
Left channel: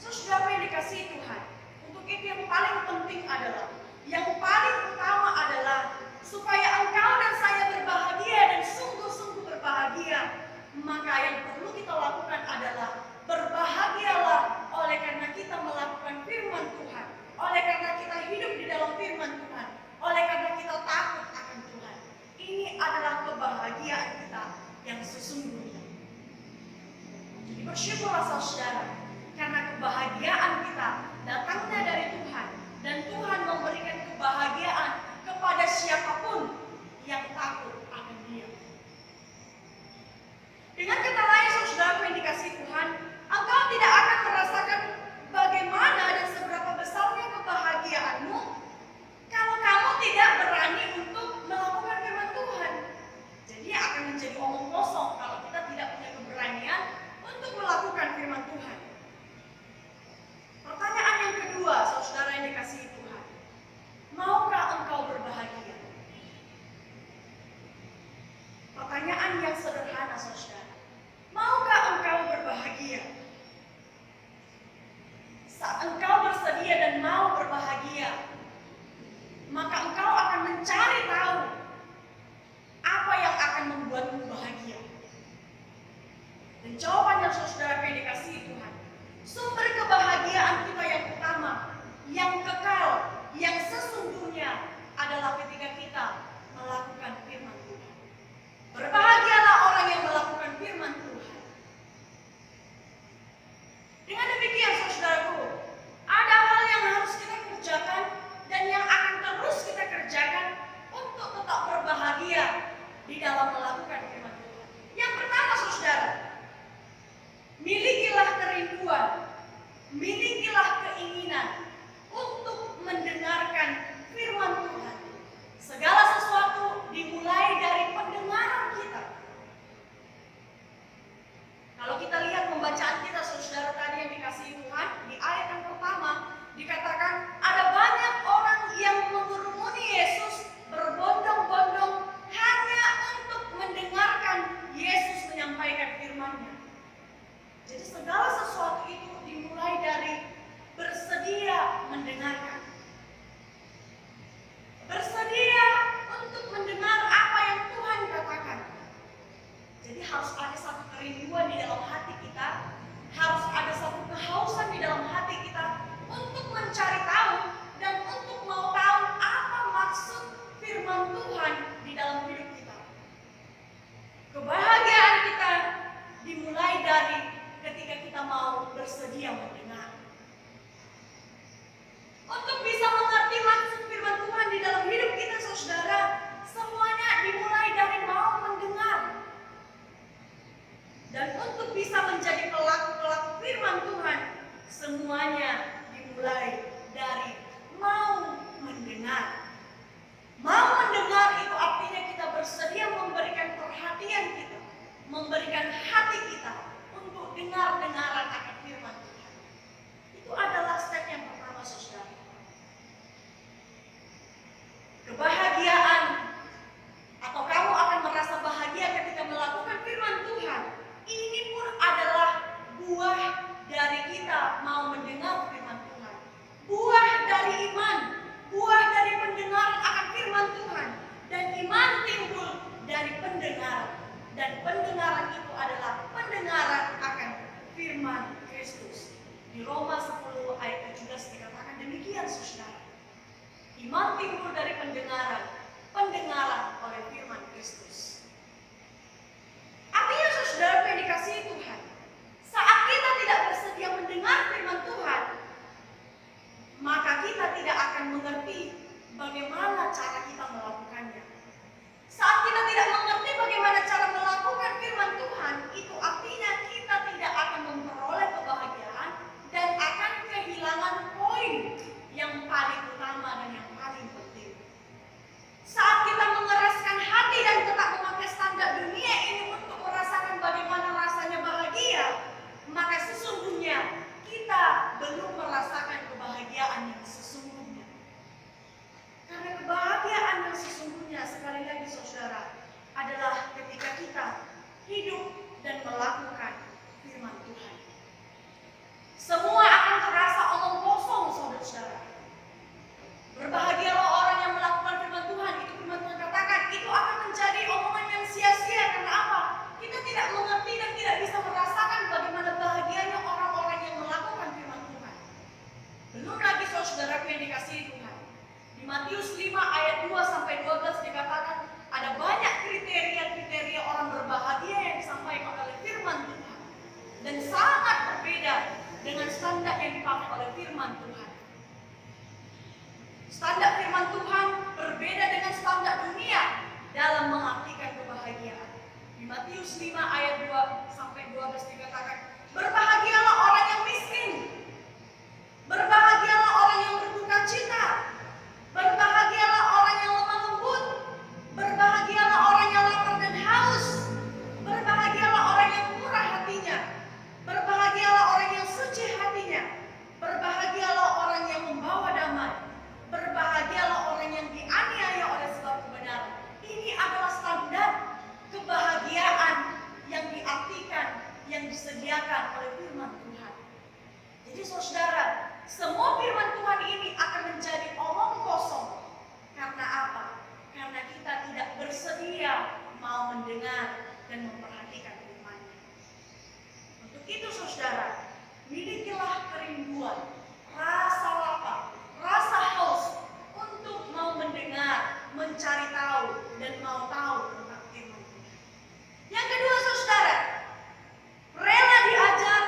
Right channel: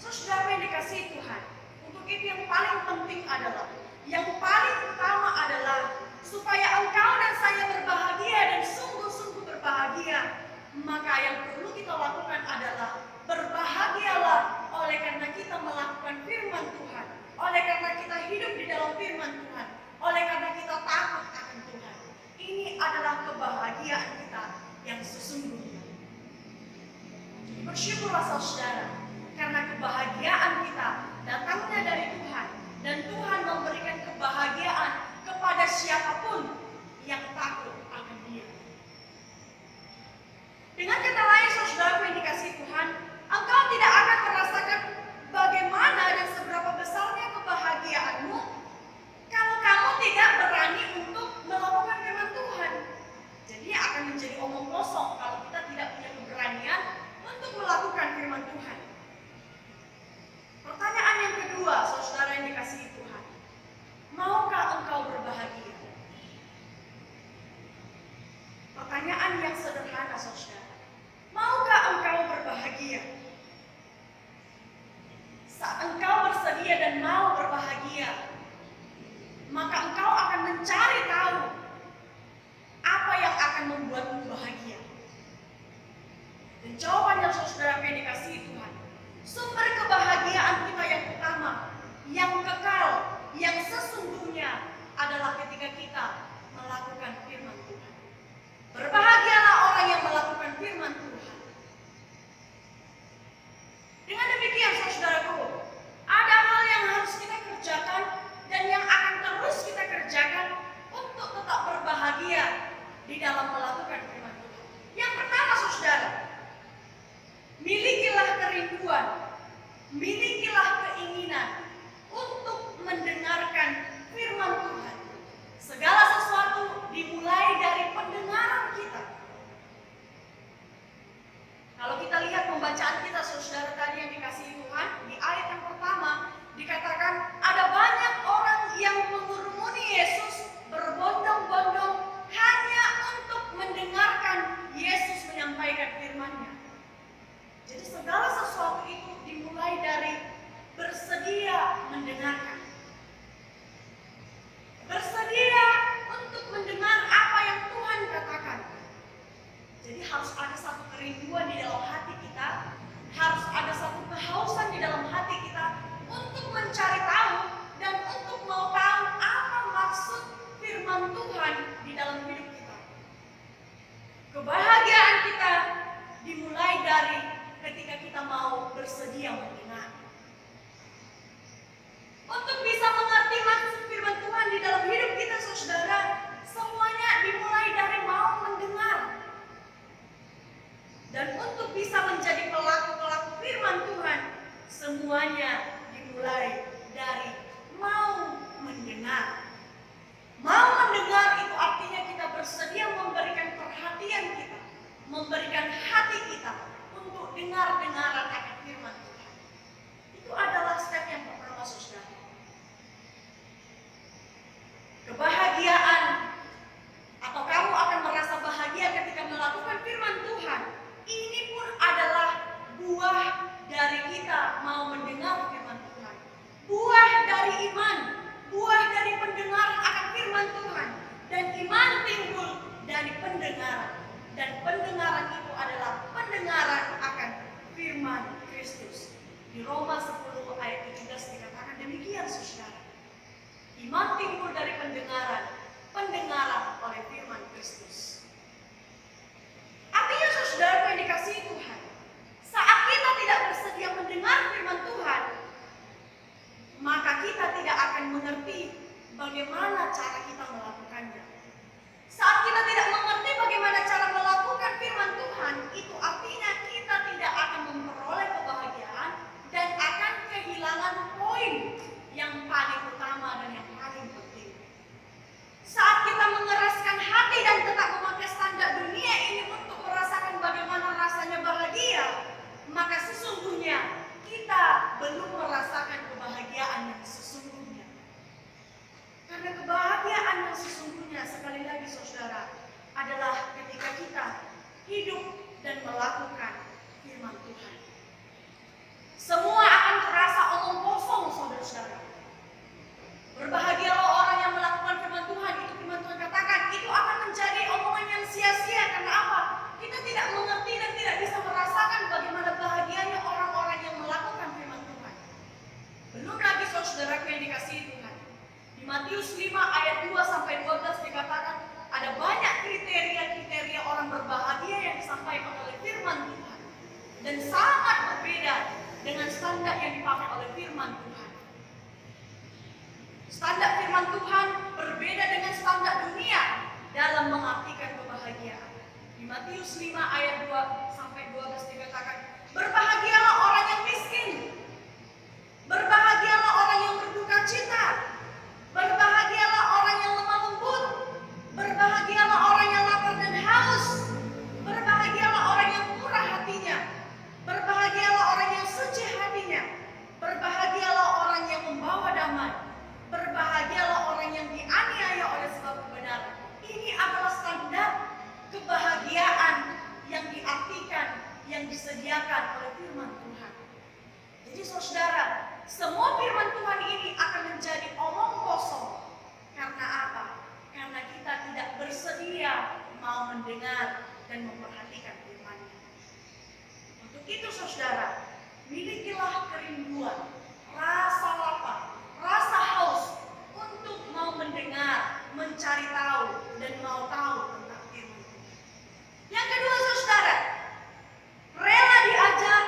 Saudara yang dikasihi Tuhan, untuk itu yang paling penting adalah, yang paling utama adalah supaya engkau dan saya berbahagia dan sungguh-sungguh berbahagia, maka yang perlu kita lakukan adalah berbahagialah oleh karena kita melakukan firman Tuhan, oleh karena kita hidup di dalam firman Tuhan, oleh karena kita takut akan Tuhan. Ini adalah kebahagiaan kita yang sesungguhnya. Jadi bersyukurlah saudara, karena kebahagiaan kita datangnya dari Tuhan, dan Tuhan memberikan kebahagiaan kepada siapapun yang takut akan Dia. Dengan kata lain, saudaraku yang dikasihi Tuhan, engkau tidak akan merasakan bagaimana dan seberapa besarnya kebahagiaanmu kalau kamu tidak berani untuk melakukan firman Tuhan. Jadi akan menjadi omong kosong kalau kita tidak punya keberanian untuk melakukan firman Tuhan. Pertanyaan yang kedua, saudara yang dikasihi Tuhan, maukah engkau berbahagia? Pertanyaan yang sederhana, saudara. Maukah engkau berbahagia? Saat engkau bersedia dan mau berbahagia, maka engkau akan mencari tahu apa yang akan membuatmu bahagia. Dan jawabannya, saudara yang dikasihi Tuhan, sumber kebahagiaan kita yang utama, yang kekal, yang sesungguhnya adalah ketika kita melakukan firman Tuhan. Berbahagialah orang yang melakukan firman Tuhan. Dengan demikian, saudaraku, ada hal yang harus kita kerjakan dan yang akan terus kita kerjakan untuk tetap berbahagia di dalam melakukan firman Tuhan. Yang pertama, saudara, milikilah kerinduan, milikilah keinginan untuk mendengarkan firman Tuhan. Segala sesuatu dimulai dari pendengaran kita. Kalau kita lihat pembacaan kita, saudara, tadi yang dikasihi Tuhan, di ayat yang pertama dikatakan ada banyak orang yang mengurumuni Yesus berbondong-bondong hanya untuk mendengarkan Yesus menyampaikan firman-Nya. Jadi segala sesuatu itu dimulai dari bersedia mendengarkan. Bersedia untuk mendengar apa yang Tuhan katakan. Jadi harus ada satu kerinduan di dalam hati kita, harus ada satu kehausan di dalam hati kita untuk mencari tahu dan untuk mau tahu kita mau bersedia mendengar. Untuk bisa mengerti maksud firman Tuhan di dalam hidup kita, saudara, semuanya dimulai dari mau mendengar. Dan untuk bisa menjadi pelaku-pelaku firman Tuhan, semuanya dimulai dari mau mendengar. Mau mendengar itu artinya kita bersedia memberikan perhatian kita, memberikan hati kita untuk dengar-dengaran akan firman Tuhan. Itu adalah step yang pertama, saudara. Kebahagiaan atau kamu akan merasa bahagia ketika melakukan firman Tuhan. Ini pun adalah buah dari kita mau mendengar firman Tuhan. Buah dari iman, buah dari pendengaran akan firman Tuhan. Dan iman timbul dari pendengaran. Dan pendengaran itu adalah pendengaran akan firman Kristus. Di Roma 10 ayat 17 dikatakan demikian, saudara. Iman timbul dari pendengaran, pendengaran oleh firman Kristus. Artinya, saudara yang dikasihi Tuhan, saat kita tidak bersedia mendengar firman Tuhan, maka kita tidak akan mengerti bagaimana cara kita melakukannya. Saat kita tidak mengerti bagaimana cara melakukan firman Tuhan, itu artinya kita tidak akan memperoleh kebahagiaan dan akan kehilangan poin yang paling utama dan yang paling penting. Saat kita mengeraskan hati dan tetap memakai standar dunia ini untuk merasakan bagaimana rasanya bahagia, maka sesungguhnya kita belum merasakan kebahagiaan yang sesungguhnya. Karena kebahagiaan yang sesungguhnya, sekali lagi saudara, adalah ketika kita hidup dan melakukan firman Tuhan. Semua akan terasa omong kosong, saudara-saudara. Berbahagialah orang yang melakukan firman Tuhan. Itu firman Tuhan katakan, itu akan menjadi omongan yang sia-sia. Karena apa? Kita tidak mengerti dan tidak bisa merasakan bagaimana bahagianya orang-orang yang melakukan firman Tuhan. Belum lagi saudaraku yang dikasihi Tuhan. Di Matius 5 ayat 2-12 dikatakan ada banyak kriteria-kriteria orang berbahagia yang disampaikan oleh firman Tuhan. Dan sangat berbeda dengan standar yang dipakai oleh firman Tuhan. Standar firman Tuhan berbeda dengan standar dunia dalam mengartikan kebahagiaan. Di Matius 5 ayat 2-12 dikatakan, berbahagialah orang yang miskin, berbahagialah orang yang berduka cita, berbahagialah orang yang lemah lembut, berbahagialah orang yang lapar dan haus, berbahagialah orang yang murah hatinya, berbahagialah orang yang suci hatinya, berbahagialah orang yang membawa damai, berbahagialah orang yang dianiaya oleh sebab kebenaran. Ini adalah standar kebahagiaan yang diartikan, yang disediakan oleh firman Tuhan. Jadi saudara, semua firman Tuhan ini akan menjadi omong kosong. Karena apa? Karena kita tidak bersedia mau mendengar dan memperhatikan firman-Nya. Untuk itu saudara, milikilah kerinduan, rasa lapar, rasa haus untuk mau mendengar, mencari tahu, dan mau tahu tentang firman Tuhan. Yang kedua saudara, rela diajar,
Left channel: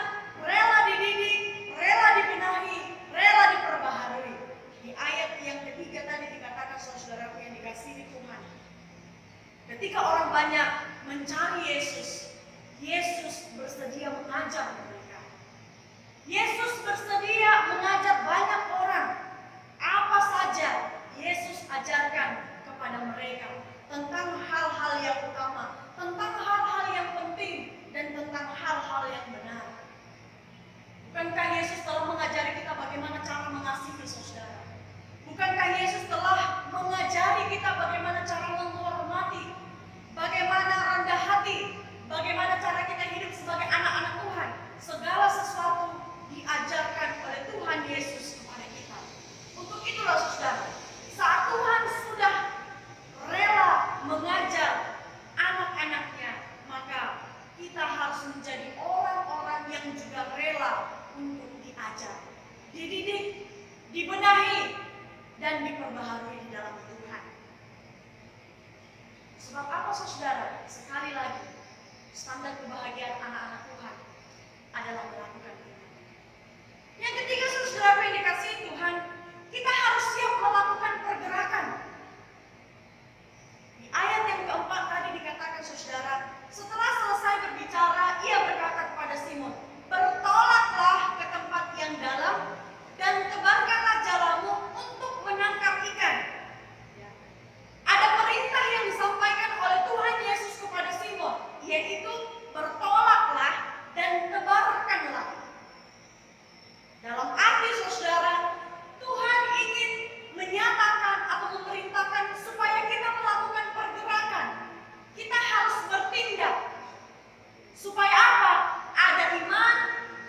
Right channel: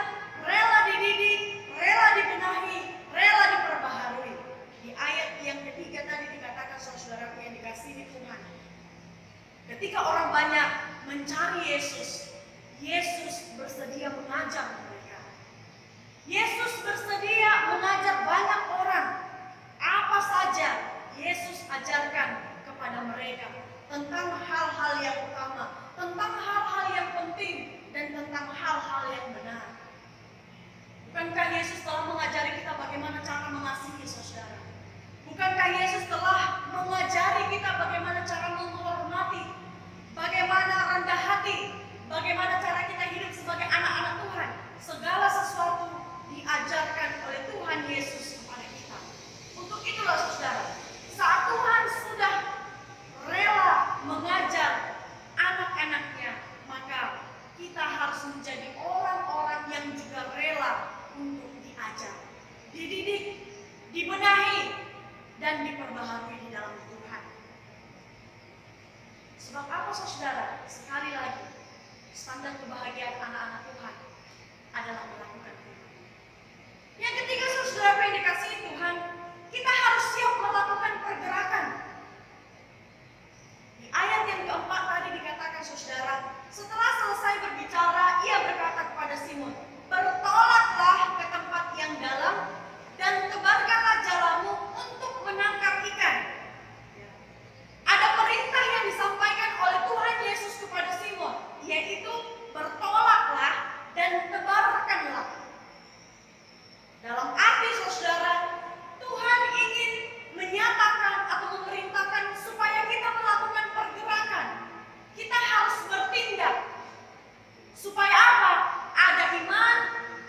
rela dididik, rela dibenahi, rela diperbaharui. Di ayat yang ketiga tadi dikatakan saudara yang dikasihi Tuhan. Ketika orang banyak mencari Yesus, Yesus bersedia mengajar mereka. Yesus bersedia mengajar banyak orang. Apa saja Yesus ajarkan kepada mereka tentang hal-hal yang utama, tentang hal-hal yang penting, dan tentang hal-hal yang benar. Bukankah Yesus telah mengajari kita bagaimana cara mengasihi saudara? Bukankah Yesus telah mengajari kita bagaimana cara menghormati, bagaimana rendah hati, bagaimana cara kita hidup sebagai anak-anak Tuhan? Segala sesuatu diajarkan oleh Tuhan Yesus kepada kita. Untuk itulah saudara, saat Tuhan sudah rela mengajar anak-anaknya, maka kita harus menjadi orang-orang yang juga rela untuk diajar, dididik, dibenahi, dan diperbaharui di dalam Tuhan. Sebab apa saudara? Sekali lagi, standar kebahagiaan anak-anak Tuhan adalah melakukan firman. Yang ketiga, saudara yang dikasihi Tuhan, kita harus siap melakukan pergerakan. Di ayat yang keempat tadi dikatakan, saudara, setelah selesai berbicara, ia berkata kepada Simon, bertolaklah ke tempat yang dalam dan tebarkanlah jalamu untuk menangkap ikan. Ya. Ada perintah yang disampaikan oleh Tuhan Yesus kepada Simon, yaitu bertolaklah dan tebarkanlah. Dalam arti, saudara, Tuhan ingin menyatakan atau memerintahkan supaya kita melakukan pergerakan. Kita harus bertindak. Supaya apa? Ada iman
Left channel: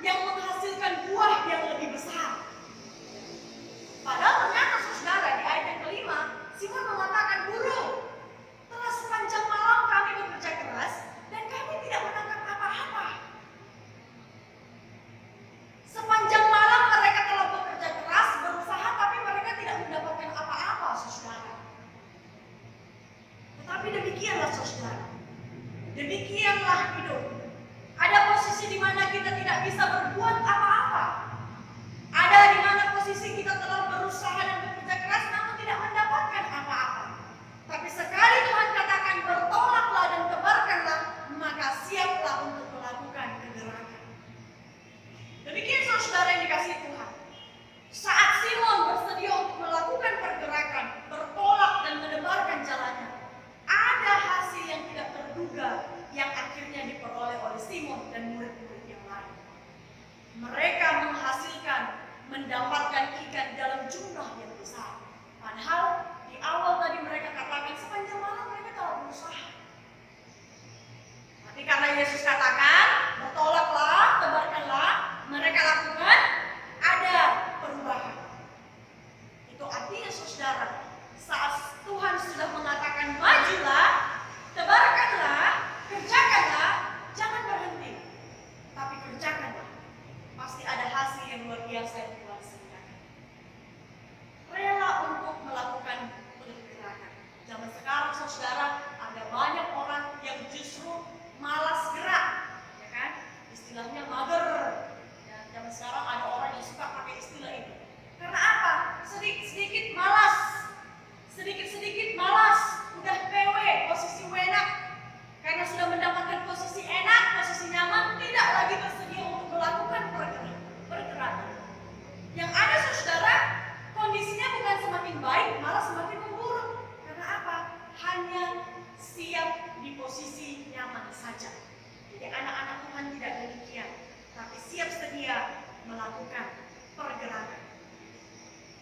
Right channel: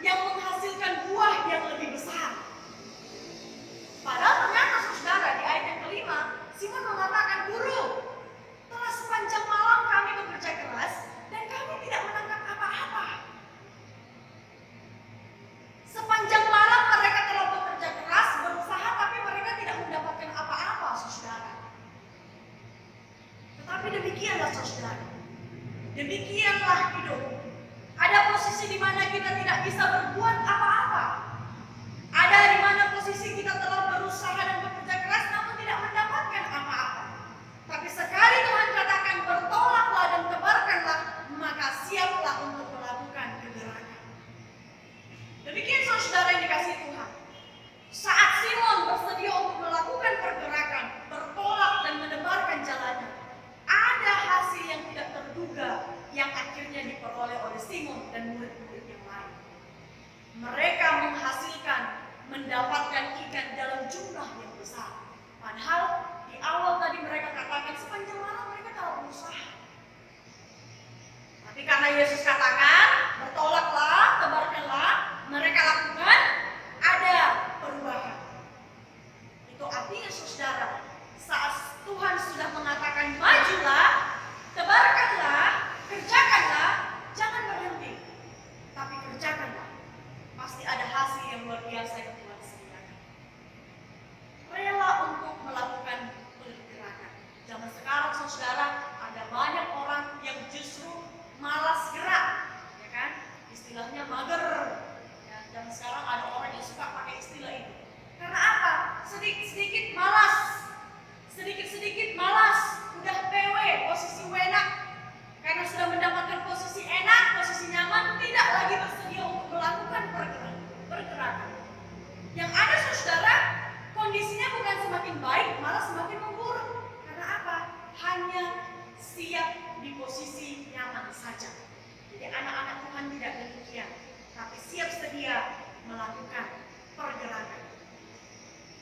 yang menghasilkan buah yang lebih besar. Padahal ternyata, saudara, di ayat yang kelima, Simon mengatakan, Guru, telah sepanjang malam kami bekerja keras dan kami tidak menangkap apa-apa. Sepanjang malam mereka telah bekerja keras, berusaha, tapi mereka tidak mendapatkan apa-apa, saudara. Tetapi demikianlah, saudara. Demikianlah hidup. Ada posisi di mana kita tidak bisa berbuat apa-apa. Ada di mana posisi kita telah berusaha dan bekerja keras namun tidak mendapatkan apa-apa. Tapi sekali Tuhan katakan bertolaklah dan tebarkanlah, maka siaplah untuk melakukan kegerakan. Demikian, saudara yang dikasihi Tuhan. Saat Simon bersedia untuk melakukan pergerakan, bertolak dan menebarkan jalannya, ada hasil yang tidak terduga yang akhirnya diperoleh oleh Simon dan murid-murid yang lain. Mereka mendapatkan ikan dalam jumlah yang besar. Padahal di awal tadi mereka katakan sepanjang malam mereka telah berusaha. Tapi karena Yesus katakan bertolaklah, tebarkanlah, mereka lakukan, ada perubahan. Itu artinya, saudara, saat Tuhan sudah mengatakan majulah, tebarkanlah, kerjakanlah, jangan berhenti, tapi kerjakanlah. Pasti ada hasil yang luar biasa yang Tuhan sediakan. Rela untuk melakukan pergerakan. Zaman sekarang, saudara, ada banyak orang yang justru malas gerak, ya kan? Istilahnya mager. Ya, zaman sekarang ada orang yang suka pakai istilah itu. Karena apa? Sedikit-sedikit malas. Sedikit-sedikit malas, udah PW, posisi enak. Karena sudah mendapatkan posisi enak, posisi nyaman, tidak lagi bersedia untuk melakukan pergerakan. Yang ada, saudara, kondisinya bukan semakin baik, malah semakin memburuk. Karena apa? Hanya siap di posisi nyaman saja. Jadi anak-anak Tuhan tidak demikian, tapi siap sedia melakukan pergerakan.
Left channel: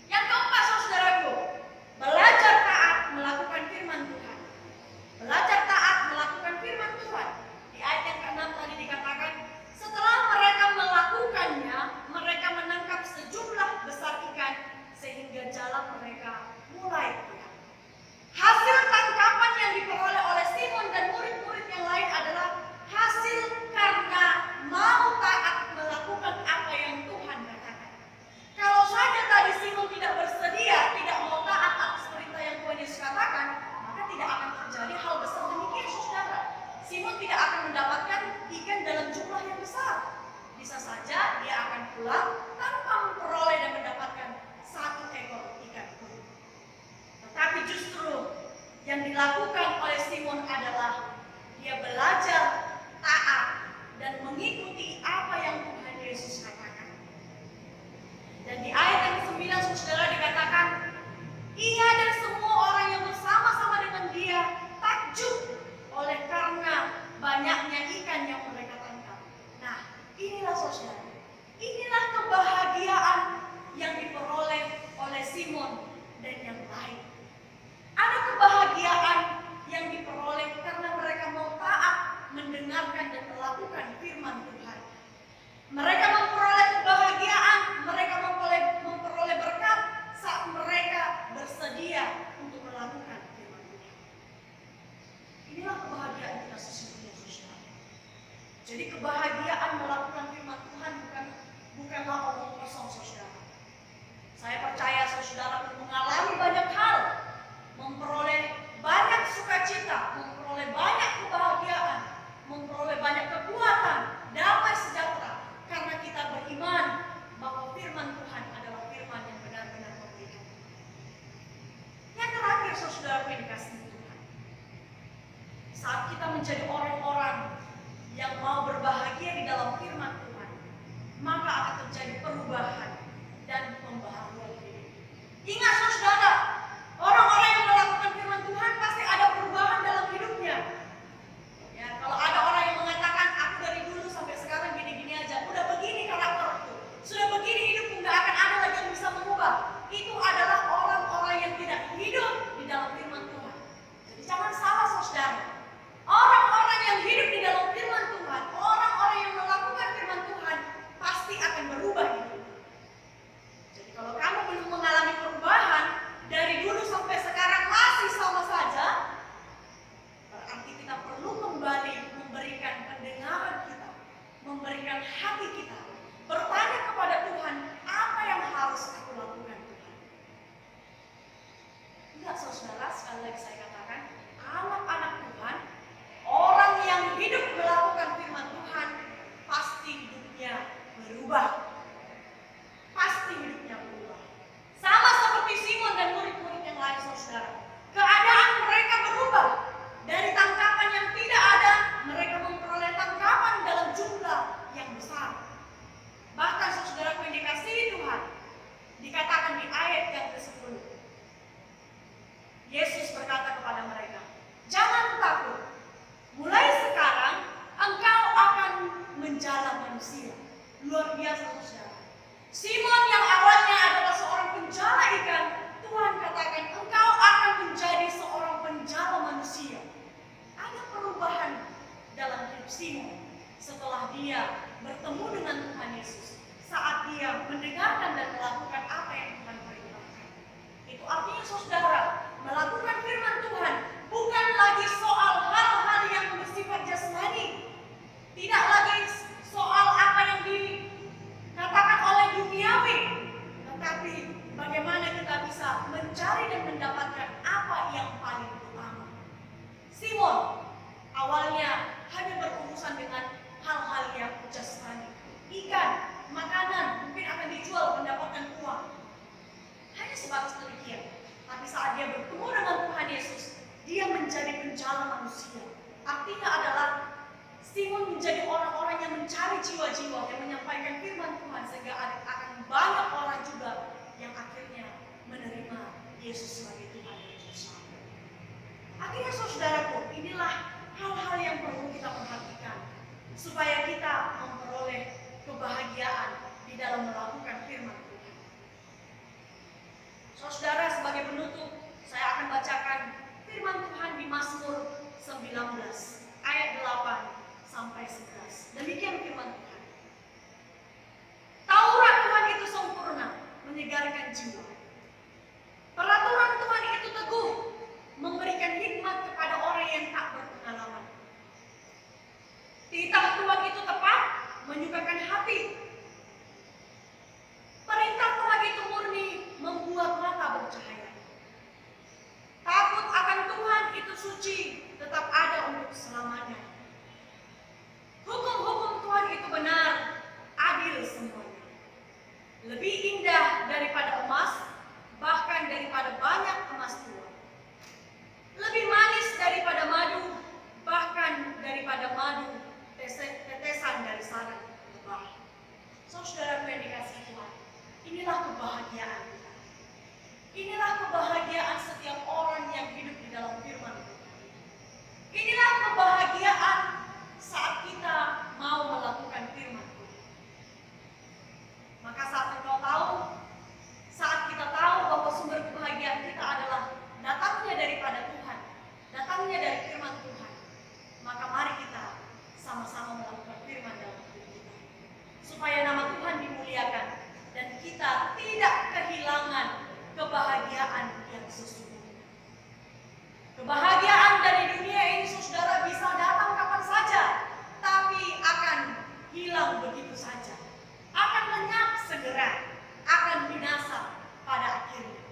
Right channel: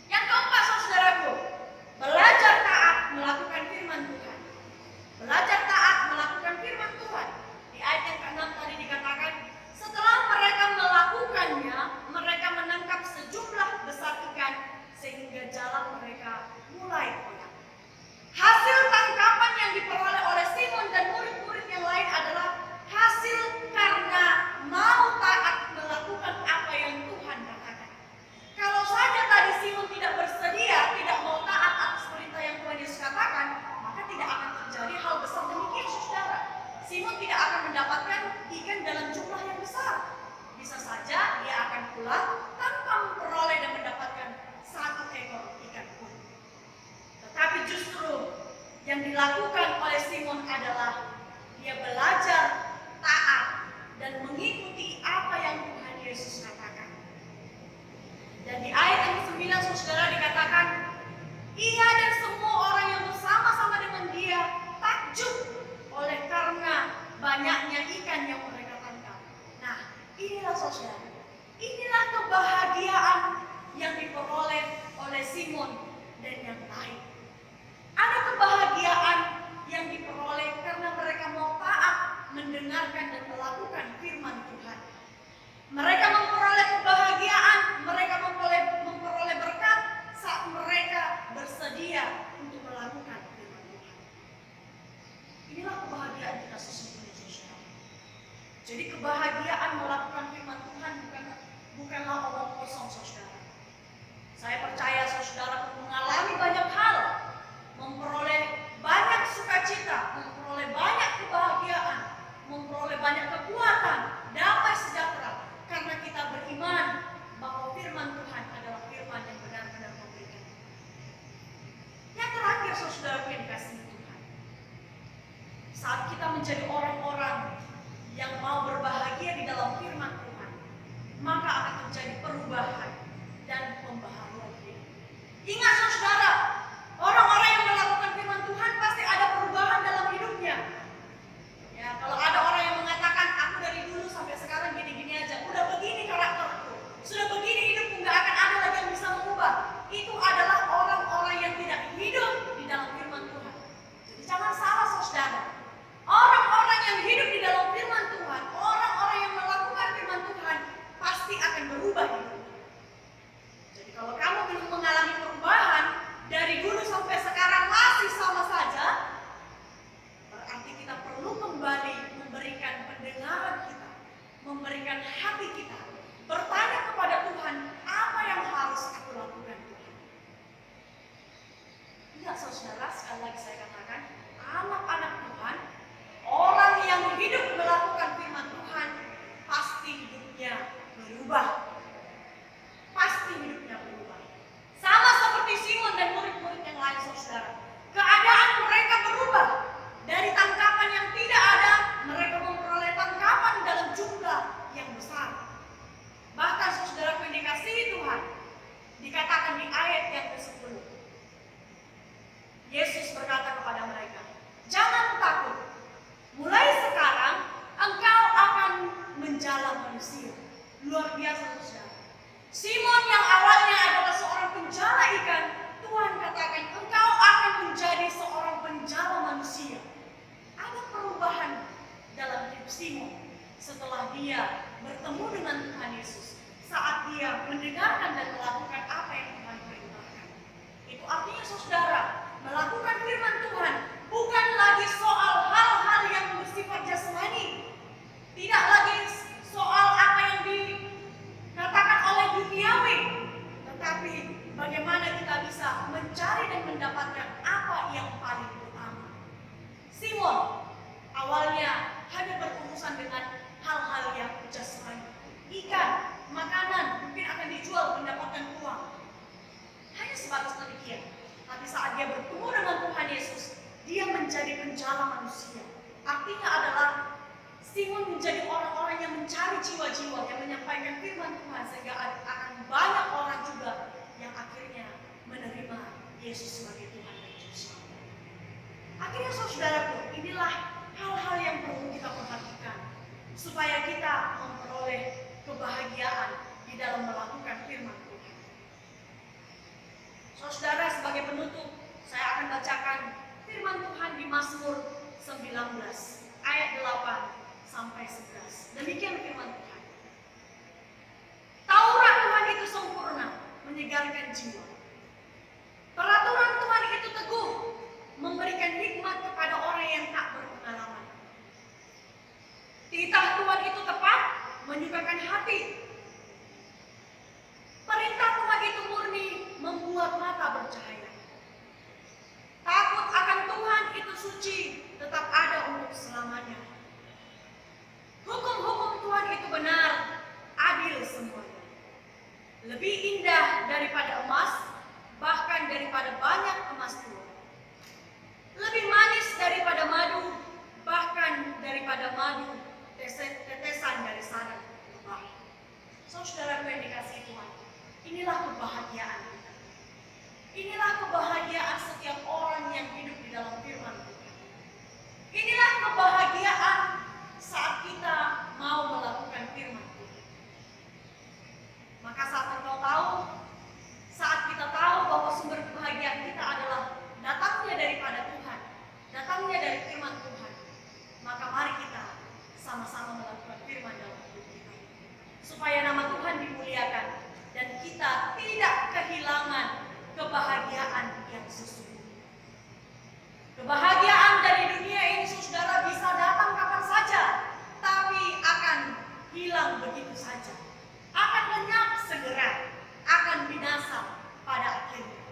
Yang keempat, saudaraku, belajar taat melakukan firman Tuhan. Belajar taat melakukan firman Tuhan. Di ayat yang ke-6 tadi dikatakan, setelah mereka melakukannya, mereka menangkap sejumlah besar ikan sehingga jalan mereka mulai koyak. Hasil tangkapan yang diperoleh oleh Simon dan murid-murid yang lain adalah hasil karena mau taat melakukan apa yang Tuhan katakan. Kalau saja tadi Simon tidak bersedia, tidak mau taat atas perintah yang Tuhan Yesus katakan, maka tidak akan terjadi hal besar demikian, saudara. Simon tidak akan mendapatkan ikan dalam jumlah yang besar. Bisa saja dia akan pulang tanpa memperoleh dan mendapatkan satu ekor ikan pun. Tetapi justru yang dilakukan oleh Simon adalah dia belajar taat dan mengikuti apa yang Tuhan Yesus katakan. Dan di ayat yang ke-9, saudara, dikatakan, ia dan semua orang yang bersama-sama dengan dia takjub oleh karena banyaknya ikan yang mereka tangkap. Nah, inilah, saudara, inilah kebahagiaan yang diperoleh oleh Simon dan yang lain. Ada kebahagiaan yang diperoleh karena mereka mau taat mendengarkan dan melakukan firman Tuhan. Mereka memperoleh kebahagiaan, mereka memperoleh berkat saat mereka bersedia untuk melakukan firman Tuhan. Inilah kebahagiaan kita sesungguhnya, saudara. Jadi kebahagiaan melakukan firman Tuhan bukanlah omong kosong, saudara. Saya percaya saudara pun mengalami banyak hal, memperoleh banyak sukacita, memperoleh banyak kebahagiaan, memperoleh banyak kekuatan, damai sejahtera. terakhir saudaraku yang dikasihi Tuhan, saat kita menjadi orang-orang yang mau berbahagia di dalam firman Tuhan, maka akan terjadi perubahan dan pembaharuan hidup. Ingat saudara, orang-orang yang melakukan firman Tuhan pasti ada perubahan dalam hidupnya. Ya, kalau ada orang yang mengatakan, aku dari dulu sampai sekarang gini-gini aja, udah begini karakterku, sudah begini hidupku, nggak akan ada lagi yang bisa mengubah. Itu adalah orang-orang yang tidak hidup di dalam firman Tuhan. Jadi jangan salah saudara. Orang-orang yang hidup di dalam firman Tuhan, orang-orang yang melakukan firman Tuhan, pasti akan berubah hidupnya. Jadi kalau kamu belum mengalami perubahan, dari dulu sampai sekarang masih sama saja, berarti kita perlu kembali memberikan pendengaran kita, memberikan hati kita, bertanya kepada Tuhan, apa yang harus aku lakukan Tuhan? Lihat saudara, sekali lagi saya katakan, anak-anak Tuhan, orang yang hidup melakukan firman Tuhan, pasti hidupnya berubah. Pasti hidupnya berubah. Sama seperti Simon dan murid-murid yang lain saudara. Keadaan mereka berubah. Dari tangkapan yang tidak ada, mereka memperoleh tangkapan dalam jumlah yang besar. Bahkan saudaraku yang dikasihi Tuhan, dikatakan di ayat yang ke-10. Yesus berkata kepada mereka, jangan takut. Mulai sekarang engkau akan menjala manusia. Luar biasa saudara. Simon yang awalnya adalah seorang penjala ikan, Tuhan katakan engkau akan menjadi seorang penjala manusia. Ada perubahan dalam hidup Simon setelah dia bertemu dengan Tuhan Yesus. Saat dia mendengarkan dan melakukan apa yang Tuhan perintahkan. Itu artinya saudara, melakukan firman Tuhan bukan lagi soal hal-hal yang bersifat jasmani. Tidak lagi soal apa yang dikatakan oleh duniawi. Tetapi bagaimana kita bisa mencari dan mendapatkan apa yang paling utama. Simon awalnya hanya berurusan dengan hal-hal yang jasmani. Ikan, makanan, mungkin akan dijual mendapatkan uang. Hanya sebatas demikian. Tapi saat dia bertemu dengan Tuhan Yesus, dia menjadi penjala manusia. Artinya adalah Simon menjadi orang-orang yang mencari jiwa-jiwa, yang menyampaikan firman Tuhan, sehingga akan banyak orang juga yang akhirnya menerima Yesus sebagai Tuhan dan Juru Selamat. Akhirnya saudaraku, inilah hal-hal yang perlu kita perhatikan supaya kita memperoleh kebahagiaan di dalam melakukan firman Tuhan. Saudara, sebagai penutup, saya akan bacakan firman Tuhan di Mazmur 19 ayat 8 sampai 11. Demikian firman Tuhan. Taurat Tuhan itu sempurna, menyegarkan jiwa. Peraturan Tuhan itu teguh, memberikan hikmat kepada orang yang tak berpengalaman. Titah Tuhan itu tepat, menyukakan hati. Perintah Tuhan itu murni, membuat mata bercahaya. Takut akan Tuhan itu suci, tetap ada untuk selamanya. Hukum-hukum Tuhan itu benar, adil semuanya. Lebih indah daripada emas, bahkan daripada banyak emas tua. Lebih manis daripada madu, bahkan daripada madu tetesan dari sarang lebah. Saudaraku yang dikasihi Tuhan, inilah kebahagiaan kita. Inilah kebahagiaan setiap orang yang hidup di dalam firman Tuhan. Inilah kebahagiaan saat kita mau melakukan firman Tuhan. Maka saat engkau tahu, saat kita tahu bahwa sumber kebahagiaan kita adalah datangnya daripada Tuhan, datangnya dari firman Tuhan, maka mari kita sama-sama melakukan firman dalam hidup kita. Supaya nama Tuhan dimuliakan dan kita tidak kehilangan kebahagiaan yang sesungguhnya. Kebahagiaan dari dunia ini saudara bisa datang kapan saja, tapi akan hilang begitu saja. Akan lenyap segera, akan binasa pada akhirnya.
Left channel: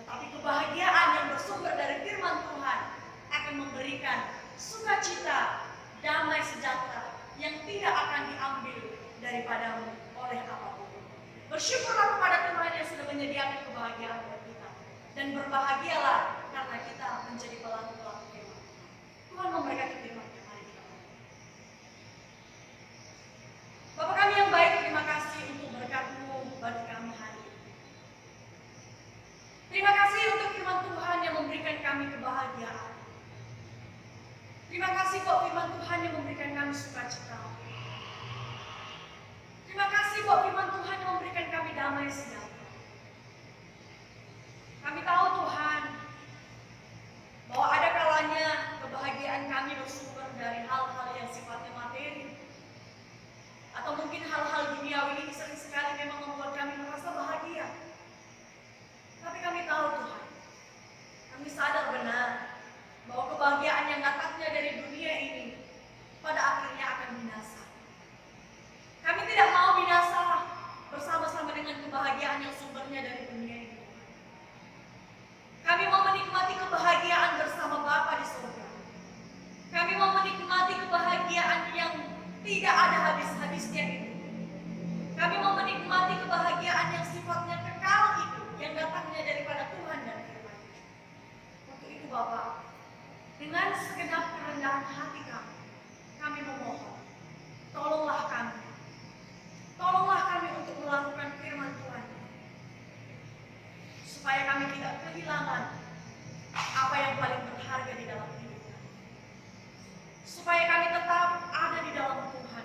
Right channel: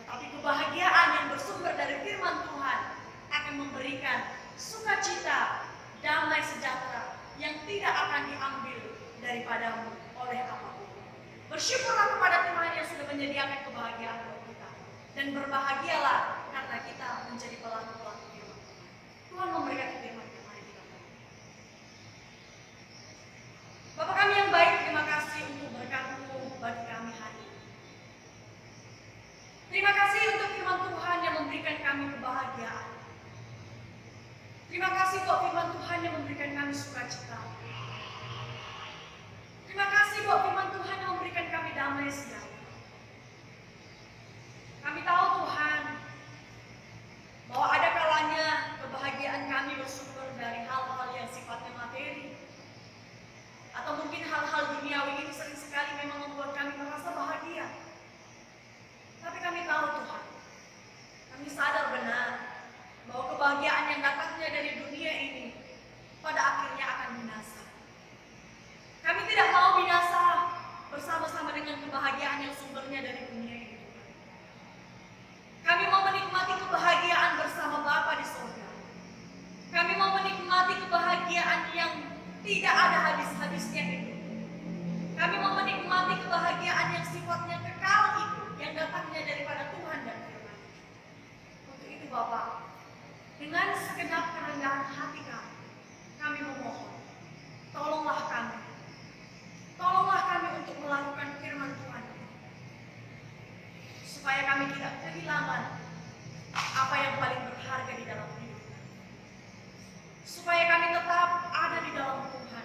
Tetapi kebahagiaan yang bersumber dari firman Tuhan akan memberikan sukacita, damai sejahtera yang tidak akan diambil daripadamu oleh apapun. Bersyukurlah kepada Tuhan yang sudah menyediakan kebahagiaan buat kita. Dan berbahagialah karena kita menjadi pelaku-pelaku firman Tuhan. Tuhan memberkati firman-Nya. Mari kita berdoa. Bapa kami yang baik, terima kasih untuk berkat-Mu bagi kami hari ini. Terima kasih untuk firman Tuhan yang memberikan kami kebahagiaan. Terima kasih buat firman Tuhan yang memberikan kami sukacita. Terima kasih buat firman Tuhan yang memberikan kami damai sejahtera. Kami tahu Tuhan, bahwa ada kalanya kebahagiaan kami bersumber dari hal-hal yang sifatnya materi. Atau mungkin hal-hal duniawi ini sering sekali memang membuat kami merasa bahagia. Tapi kami tahu Tuhan, kami sadar benar bahwa kebahagiaan yang datangnya dari dunia ini pada akhirnya akan binasa. Kami tidak mau binasa bersama-sama dengan kebahagiaan yang sumbernya dari dunia ini, Tuhan. Kami mau menikmati kebahagiaan bersama Bapa di surga. Kami mau menikmati kebahagiaan yang tidak ada habis-habisnya itu. Kami mau menikmati kebahagiaan yang sifatnya kekal itu, yang datangnya daripada Tuhan dan firman-Nya. Untuk itu Bapa, dengan segenap kerendahan hati kami memohon, tolonglah kami. Tolonglah kami untuk melakukan firman Tuhan, supaya kami tidak kehilangan apa yang paling berharga di dalam hidup kami. Supaya kami tetap ada di dalam Tuhan.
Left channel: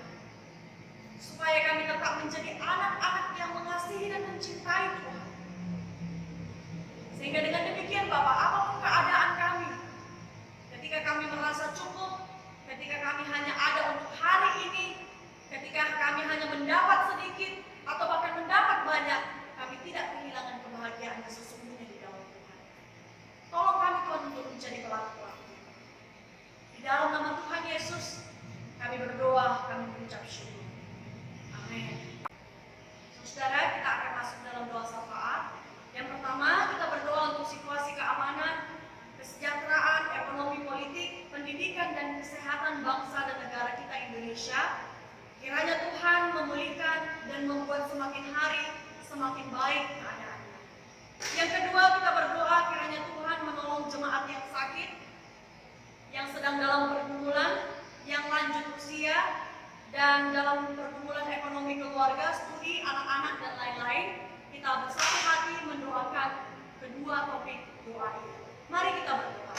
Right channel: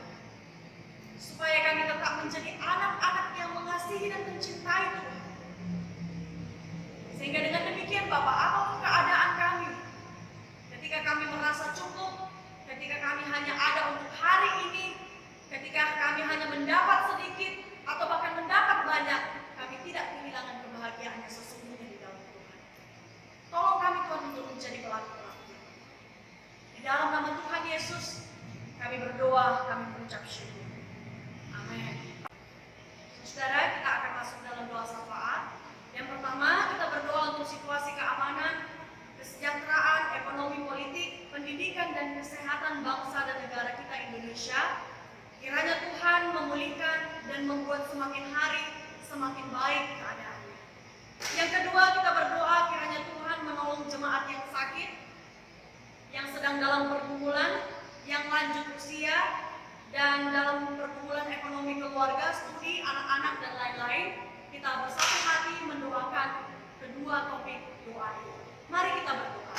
Supaya kami tetap menjadi anak-anak yang mengasihi dan mencintai Tuhan. Sehingga dengan demikian Bapak, apapun keadaan kami, ketika kami merasa cukup, ketika kami hanya ada untuk hari ini, ketika kami hanya mendapat sedikit atau bahkan mendapat banyak, kami tidak kehilangan kebahagiaan yang sesungguhnya di dalam Tuhan. Tolong kami Tuhan untuk menjadi pelaku-pelaku firman. Di dalam nama Tuhan Yesus, kami berdoa, kami mengucap syukur. Amin. Saudara, kita akan masuk dalam doa syafaat. Yang pertama, kita berdoa untuk situasi keamanan, kesejahteraan, ekonomi politik, pendidikan, dan kesehatan bangsa dan negara kita Indonesia. Kiranya Tuhan memulihkan dan membuat semakin hari semakin baik keadaannya. Yang kedua, kita berdoa kiranya Tuhan menolong jemaat yang sakit, yang sedang dalam pergumulan, yang lanjut usia, dan dalam pergumulan ekonomi keluarga, studi, anak-anak, dan lain-lain. Kita bersatu hati mendoakan kedua topik doa ini. Mari kita berdoa.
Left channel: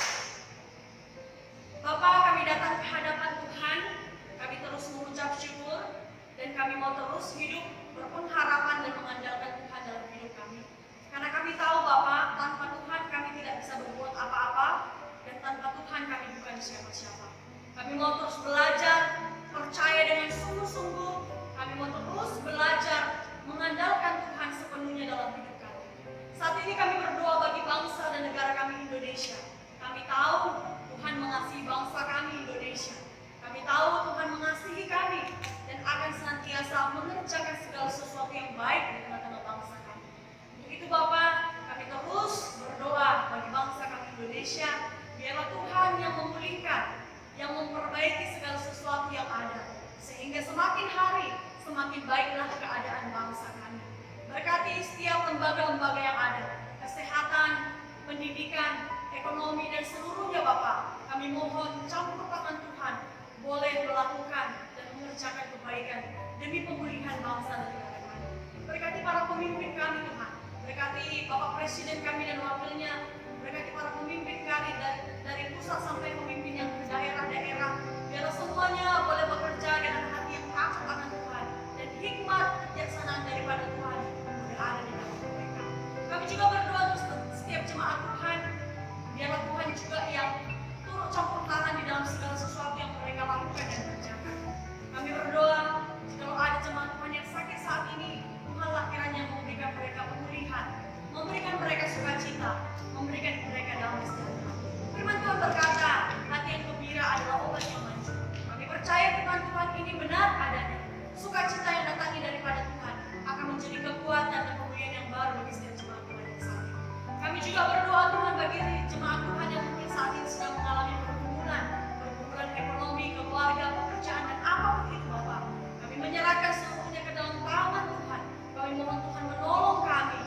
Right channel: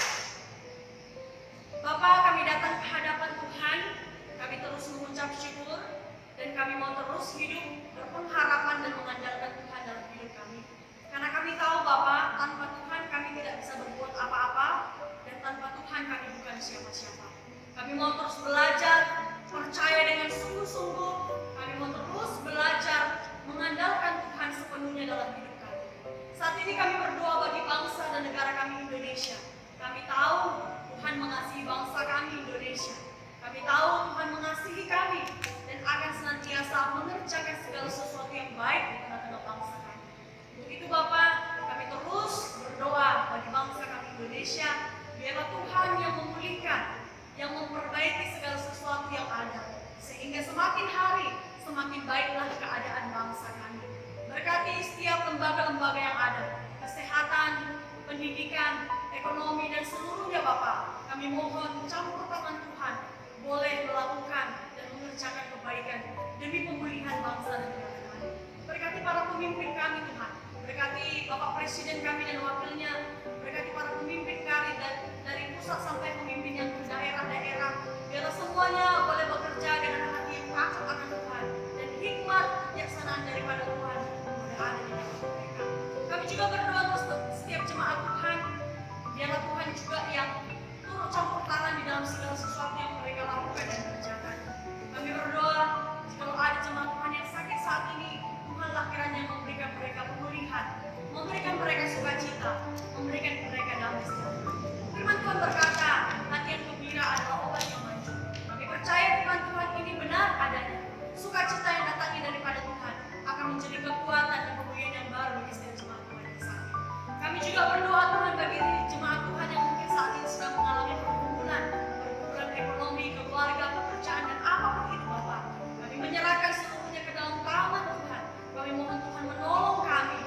Bapa, kami datang ke hadapan Tuhan. Kami terus mengucap syukur dan kami mau terus hidup berpengharapan dan mengandalkan Tuhan dalam hidup kami. Karena kami tahu Bapak, tanpa Tuhan kami tidak bisa berbuat apa-apa dan tanpa Tuhan kami bukan siapa-siapa. Kami mau terus belajar, percaya dengan sungguh-sungguh. Kami mau terus belajar mengandalkan Tuhan sepenuhnya dalam hidup kami. Saat ini kami berdoa bagi bangsa dan negara kami Indonesia. Kami tahu Tuhan mengasihi bangsa kami Indonesia. Kami tahu Tuhan mengasihi kami dan akan senantiasa mengerjakan segala sesuatu yang baik di tengah-tengah bangsa kami. Untuk itu Bapak, kami terus berdoa bagi bangsa kami Indonesia. Biarlah Tuhan yang memulihkan, yang memperbaiki segala sesuatu yang ada. Sehingga semakin hari, semakin baiklah keadaan bangsa kami. Berkati setiap lembaga-lembaga yang ada, kesehatan, pendidikan, ekonomi, dan seluruhnya Bapak. Kami mohon campur tangan Tuhan boleh melakukan dan mengerjakan kebaikan demi pemulihan bangsa dan negara kami. Berkati para pemimpin kami Tuhan, berkati Bapak Presiden kami dan wakilnya, berkati para pemimpin kami dari pusat sampai pemimpin yang ke daerah-daerah, biar semuanya boleh bekerja dengan hati yang takut akan Tuhan dan hikmat kebijaksanaan daripada Tuhan boleh ada di dalam mereka. Kami juga berdoa untuk setiap jemaat Tuhan, biarlah Tuhan juga yang turut campur tangan di dalam segala sesuatu yang mereka lakukan dan kerjakan. Kami berdoa, jikalau ada jemaat Tuhan yang sakit saat ini, Tuhanlah kiranya memberikan mereka pemulihan, memberikan mereka sukacita, memberikan mereka damai sejahtera. Firman Tuhan berkata, hati yang gembira adalah obat yang manjur. Kami percaya firman Tuhan ini benar adanya. Sukacita yang datangnya daripada Tuhan akan menjadi kekuatan dan pemulihan yang baru bagi setiap jemaat Tuhan yang sakit. Kami juga berdoa Tuhan bagi jemaat Tuhan yang mungkin saat ini sedang mengalami pergumulan ekonomi, keluarga, pekerjaan, dan apapun itu Bapak. Kami menyerahkan seluruhnya ke dalam tangan Tuhan. Kami mohon Tuhan menolong kami,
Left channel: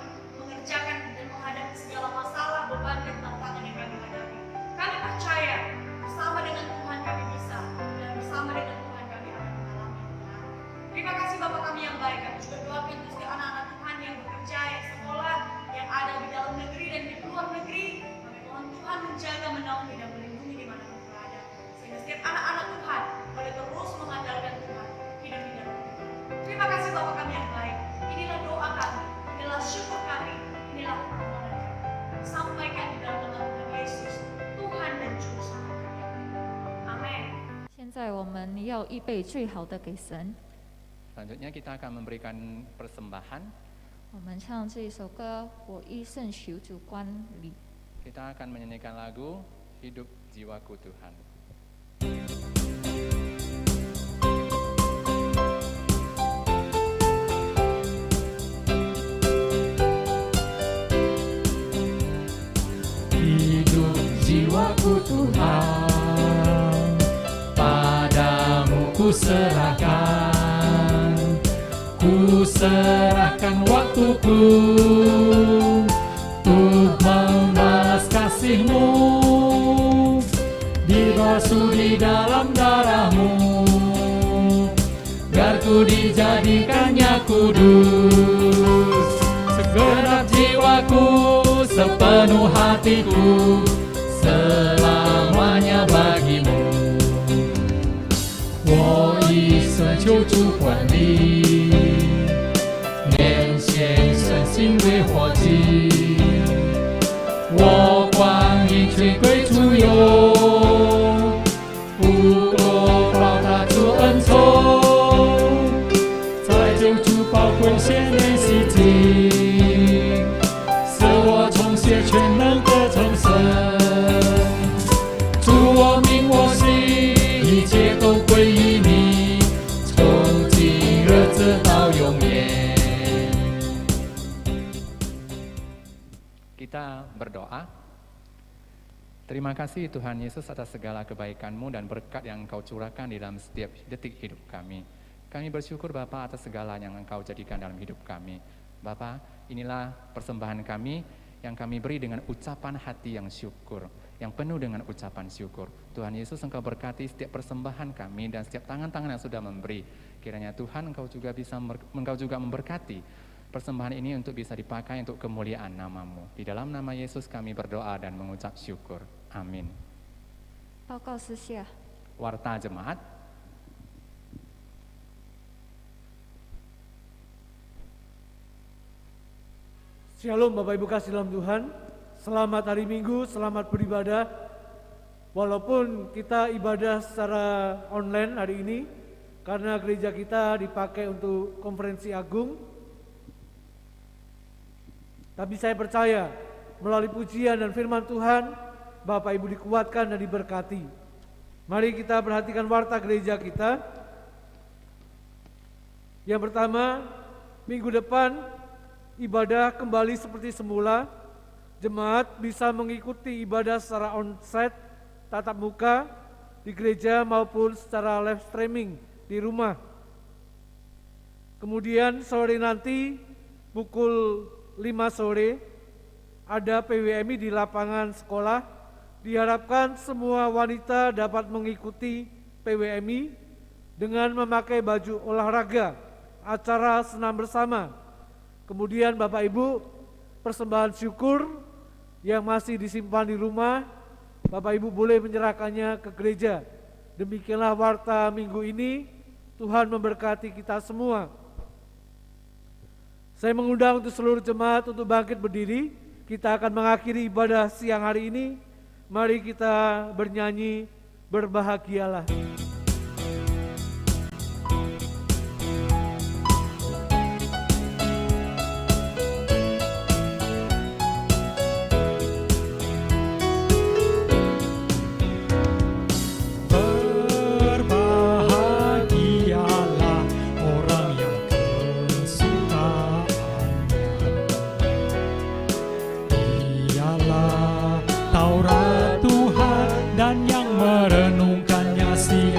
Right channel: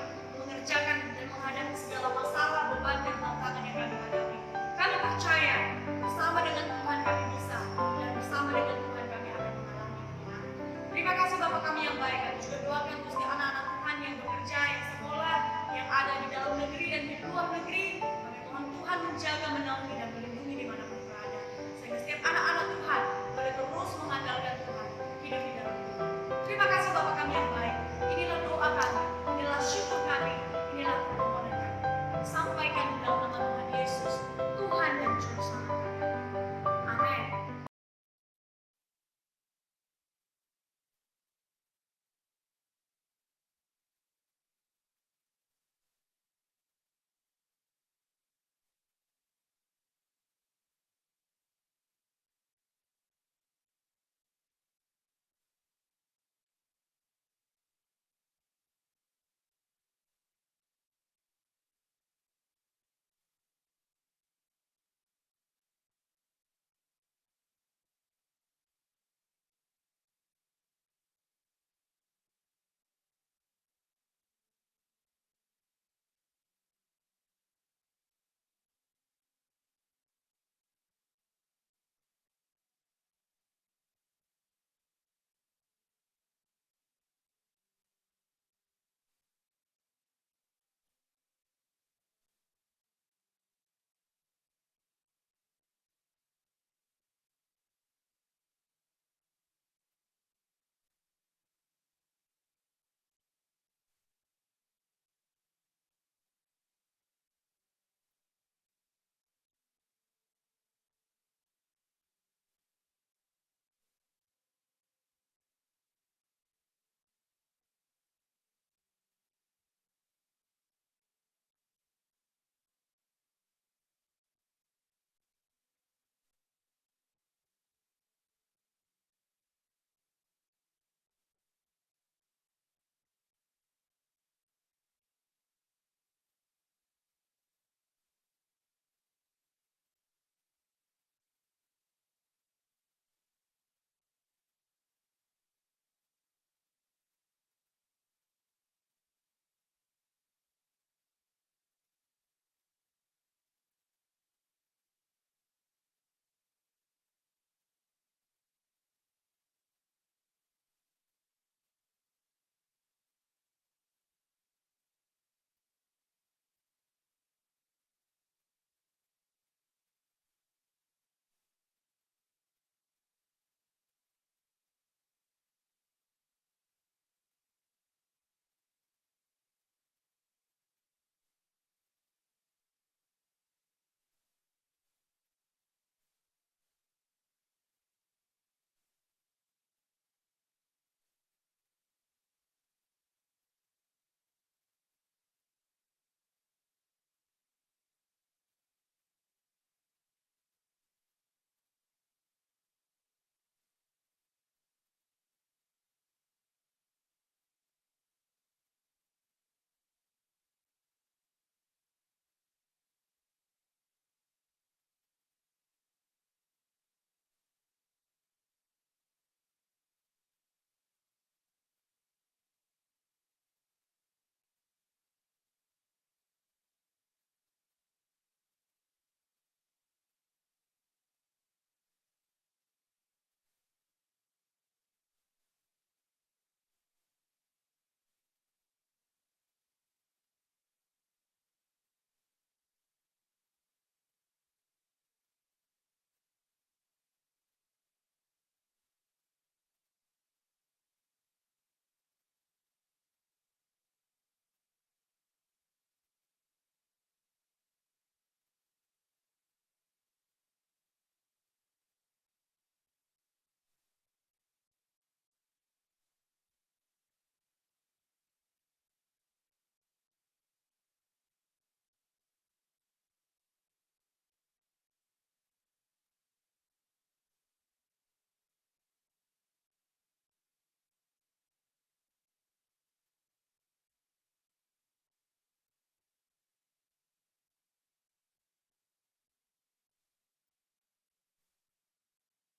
mengerjakan dan menghadapi segala masalah, beban, dan tantangan yang kami hadapi. Kami percaya bersama dengan Tuhan kami bisa, dan bersama dengan Tuhan kami akan mengalami kemenangan. Terima kasih Bapak kami yang baik. Kami juga doakan untuk setiap anak-anak Tuhan yang bekerja, yang sekolah, yang ada di dalam negeri dan di luar negeri. Kami mohon Tuhan menjaga, menaungi, dan melindungi dimanapun berada. Sehingga setiap anak-anak Tuhan boleh terus mengandalkan Tuhan, hidup di dalam Tuhan. Terima kasih Bapak kami yang baik. Inilah doa kami, inilah syukur kami, inilah permohonan kami. Kami sampaikan di dalam nama Tuhan Yesus, Tuhan dan Juru Selamat kami. Amin. 现在我们要预备最好的给神。 Selanjutnya kita akan memberikan persembahan. 我们唱这首歌，我一生求主观理。 Kita akan menyanyikan lagu Hidup Jiwaku Tuhan. Hidup jiwaku Tuhan, padamu ku serahkan, ku serahkan waktuku, untuk membalas kasih-Mu, dibasuh di dalam darah-Mu, biar ku dijadikannya kudus. Segenap jiwaku, sepenuh hatiku, selamanya bagimu. 我一生求主管理，连献身心为火祭。我光阴全归主用，不落报他主恩宠，在救主宝贵鲜烈洗净，使我重写全能的重生。主我命我心，一切都归于你，从今日直到永远。 Kita berdoa. Terima kasih Tuhan Yesus atas segala kebaikan-Mu dan berkat yang Engkau curahkan di dalam setiap detik hidup kami. Kami bersyukur Bapa atas segala yang Engkau jadikan dalam hidup kami. Bapa, inilah persembahan kami yang kami beri dengan ucapan hati yang syukur, yang penuh dengan ucapan syukur. Tuhan Yesus, Engkau berkati setiap persembahan kami dan setiap tangan-tangan yang sudah memberi. Kiranya Tuhan Engkau juga memberkati persembahan ini untuk bisa dipakai untuk kemuliaan nama-Mu. Di dalam nama Yesus kami berdoa dan mengucap syukur. Amin. 报告私下， Warta Jemaat. Shalom Bapak Ibu kasih dalam Tuhan. Selamat hari Minggu, selamat beribadah. Walaupun kita ibadah secara online hari ini, karena gereja kita dipakai untuk konferensi agung, tapi saya percaya melalui pujian dan firman Tuhan, Bapak Ibu dikuatkan dan diberkati. Mari kita perhatikan warta gereja kita. Yang pertama, minggu depan ibadah kembali seperti semula. Jemaat bisa mengikuti ibadah secara onsite, tatap muka di gereja maupun secara live streaming di rumah. Kemudian sore nanti pukul 5 sore ada PWMI di lapangan sekolah. Diharapkan semua wanita dapat mengikuti PWMI dengan memakai baju olahraga, acara senam bersama. Kemudian Bapak Ibu, persembahan syukur yang masih disimpan di rumah, Bapak Ibu boleh menyerahkannya ke gereja. Demikianlah warta minggu ini. Tuhan memberkati kita semua. Saya mengundang untuk seluruh jemaat untuk bangkit berdiri. Kita akan mengakhiri ibadah siang hari ini. Mari kita bernyanyi, berbahagialah. Berbahagialah orang yang kesukaannya ialah Taurat Tuhan dan yang merenungkannya siang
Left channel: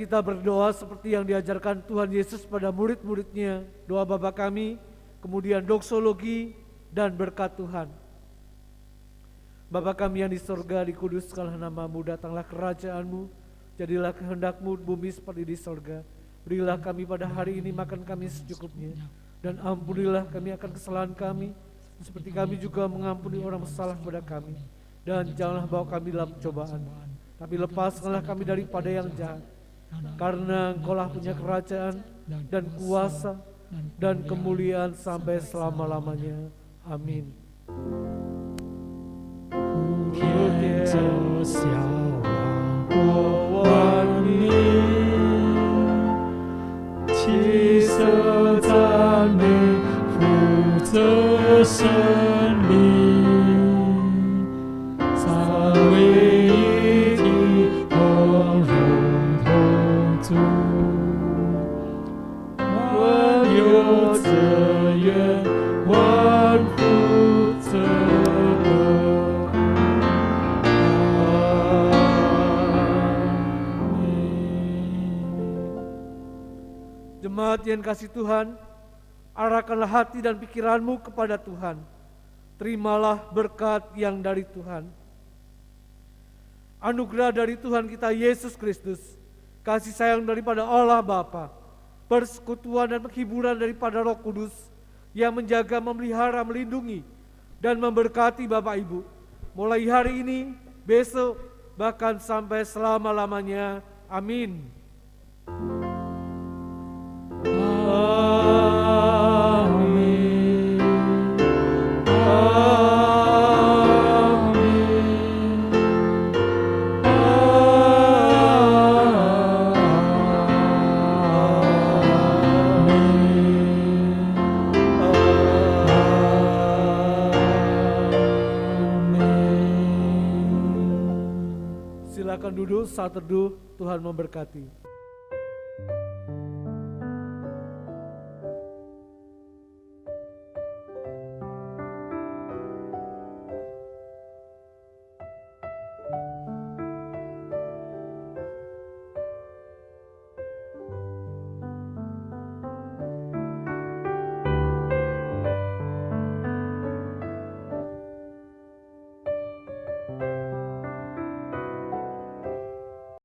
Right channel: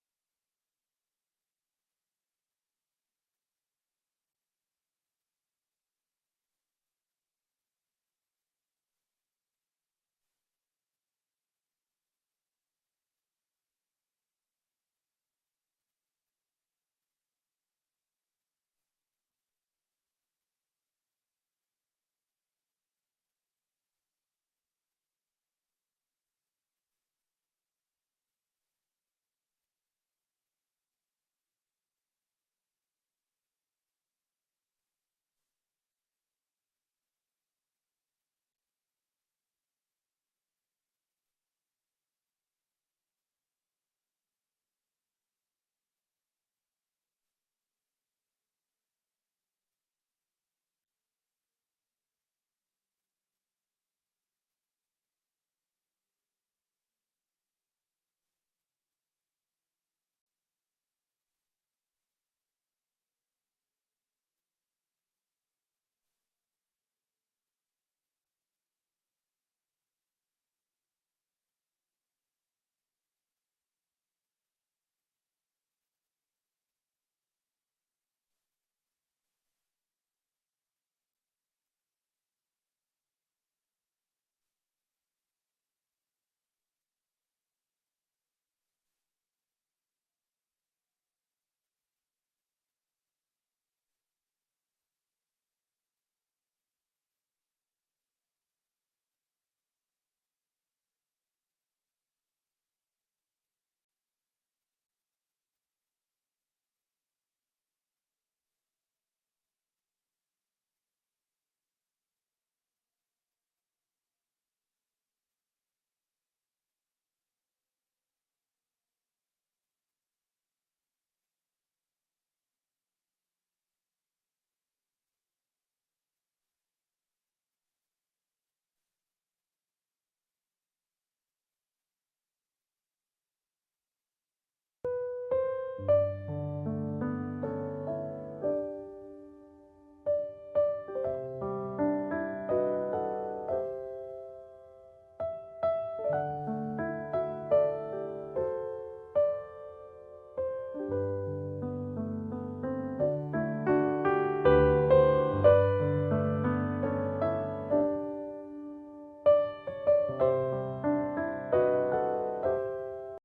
kita berdoa seperti yang diajarkan Tuhan Yesus pada murid-muridnya. Doa Bapa kami, kemudian doksologi dan berkat Tuhan. Bapa kami yang di sorga, dikuduskanlah namamu, datanglah kerajaan-Mu, jadilah kehendak-Mu bumi seperti di sorga. Berilah kami pada hari ini makan kami secukupnya, dan ampunilah kami akan kesalahan kami, seperti kami juga mengampuni orang bersalah kepada kami. Dan janganlah bawa kami dalam cobaan, tapi lepaskanlah kami daripada yang jahat. Karena Engkaulah punya kerajaan dan kuasa dan kemuliaan sampai selama-lamanya. Amin. 天走向国万民，齐声赞美，负责胜利，三位一体，光荣同足，万有则愿，万福则得。 Jemaat yang kasih Tuhan, arahkanlah hati dan pikiranmu kepada Tuhan. Terimalah berkat yang dari Tuhan. Anugerah dari Tuhan kita Yesus Kristus, kasih sayang daripada Allah Bapa, persekutuan dan penghiburan daripada Roh Kudus yang menjaga, memelihara, melindungi, dan memberkati Bapak Ibu, mulai hari ini, besok, bahkan sampai selama-lamanya. Amin. Silakan duduk saat teduh, Tuhan memberkati.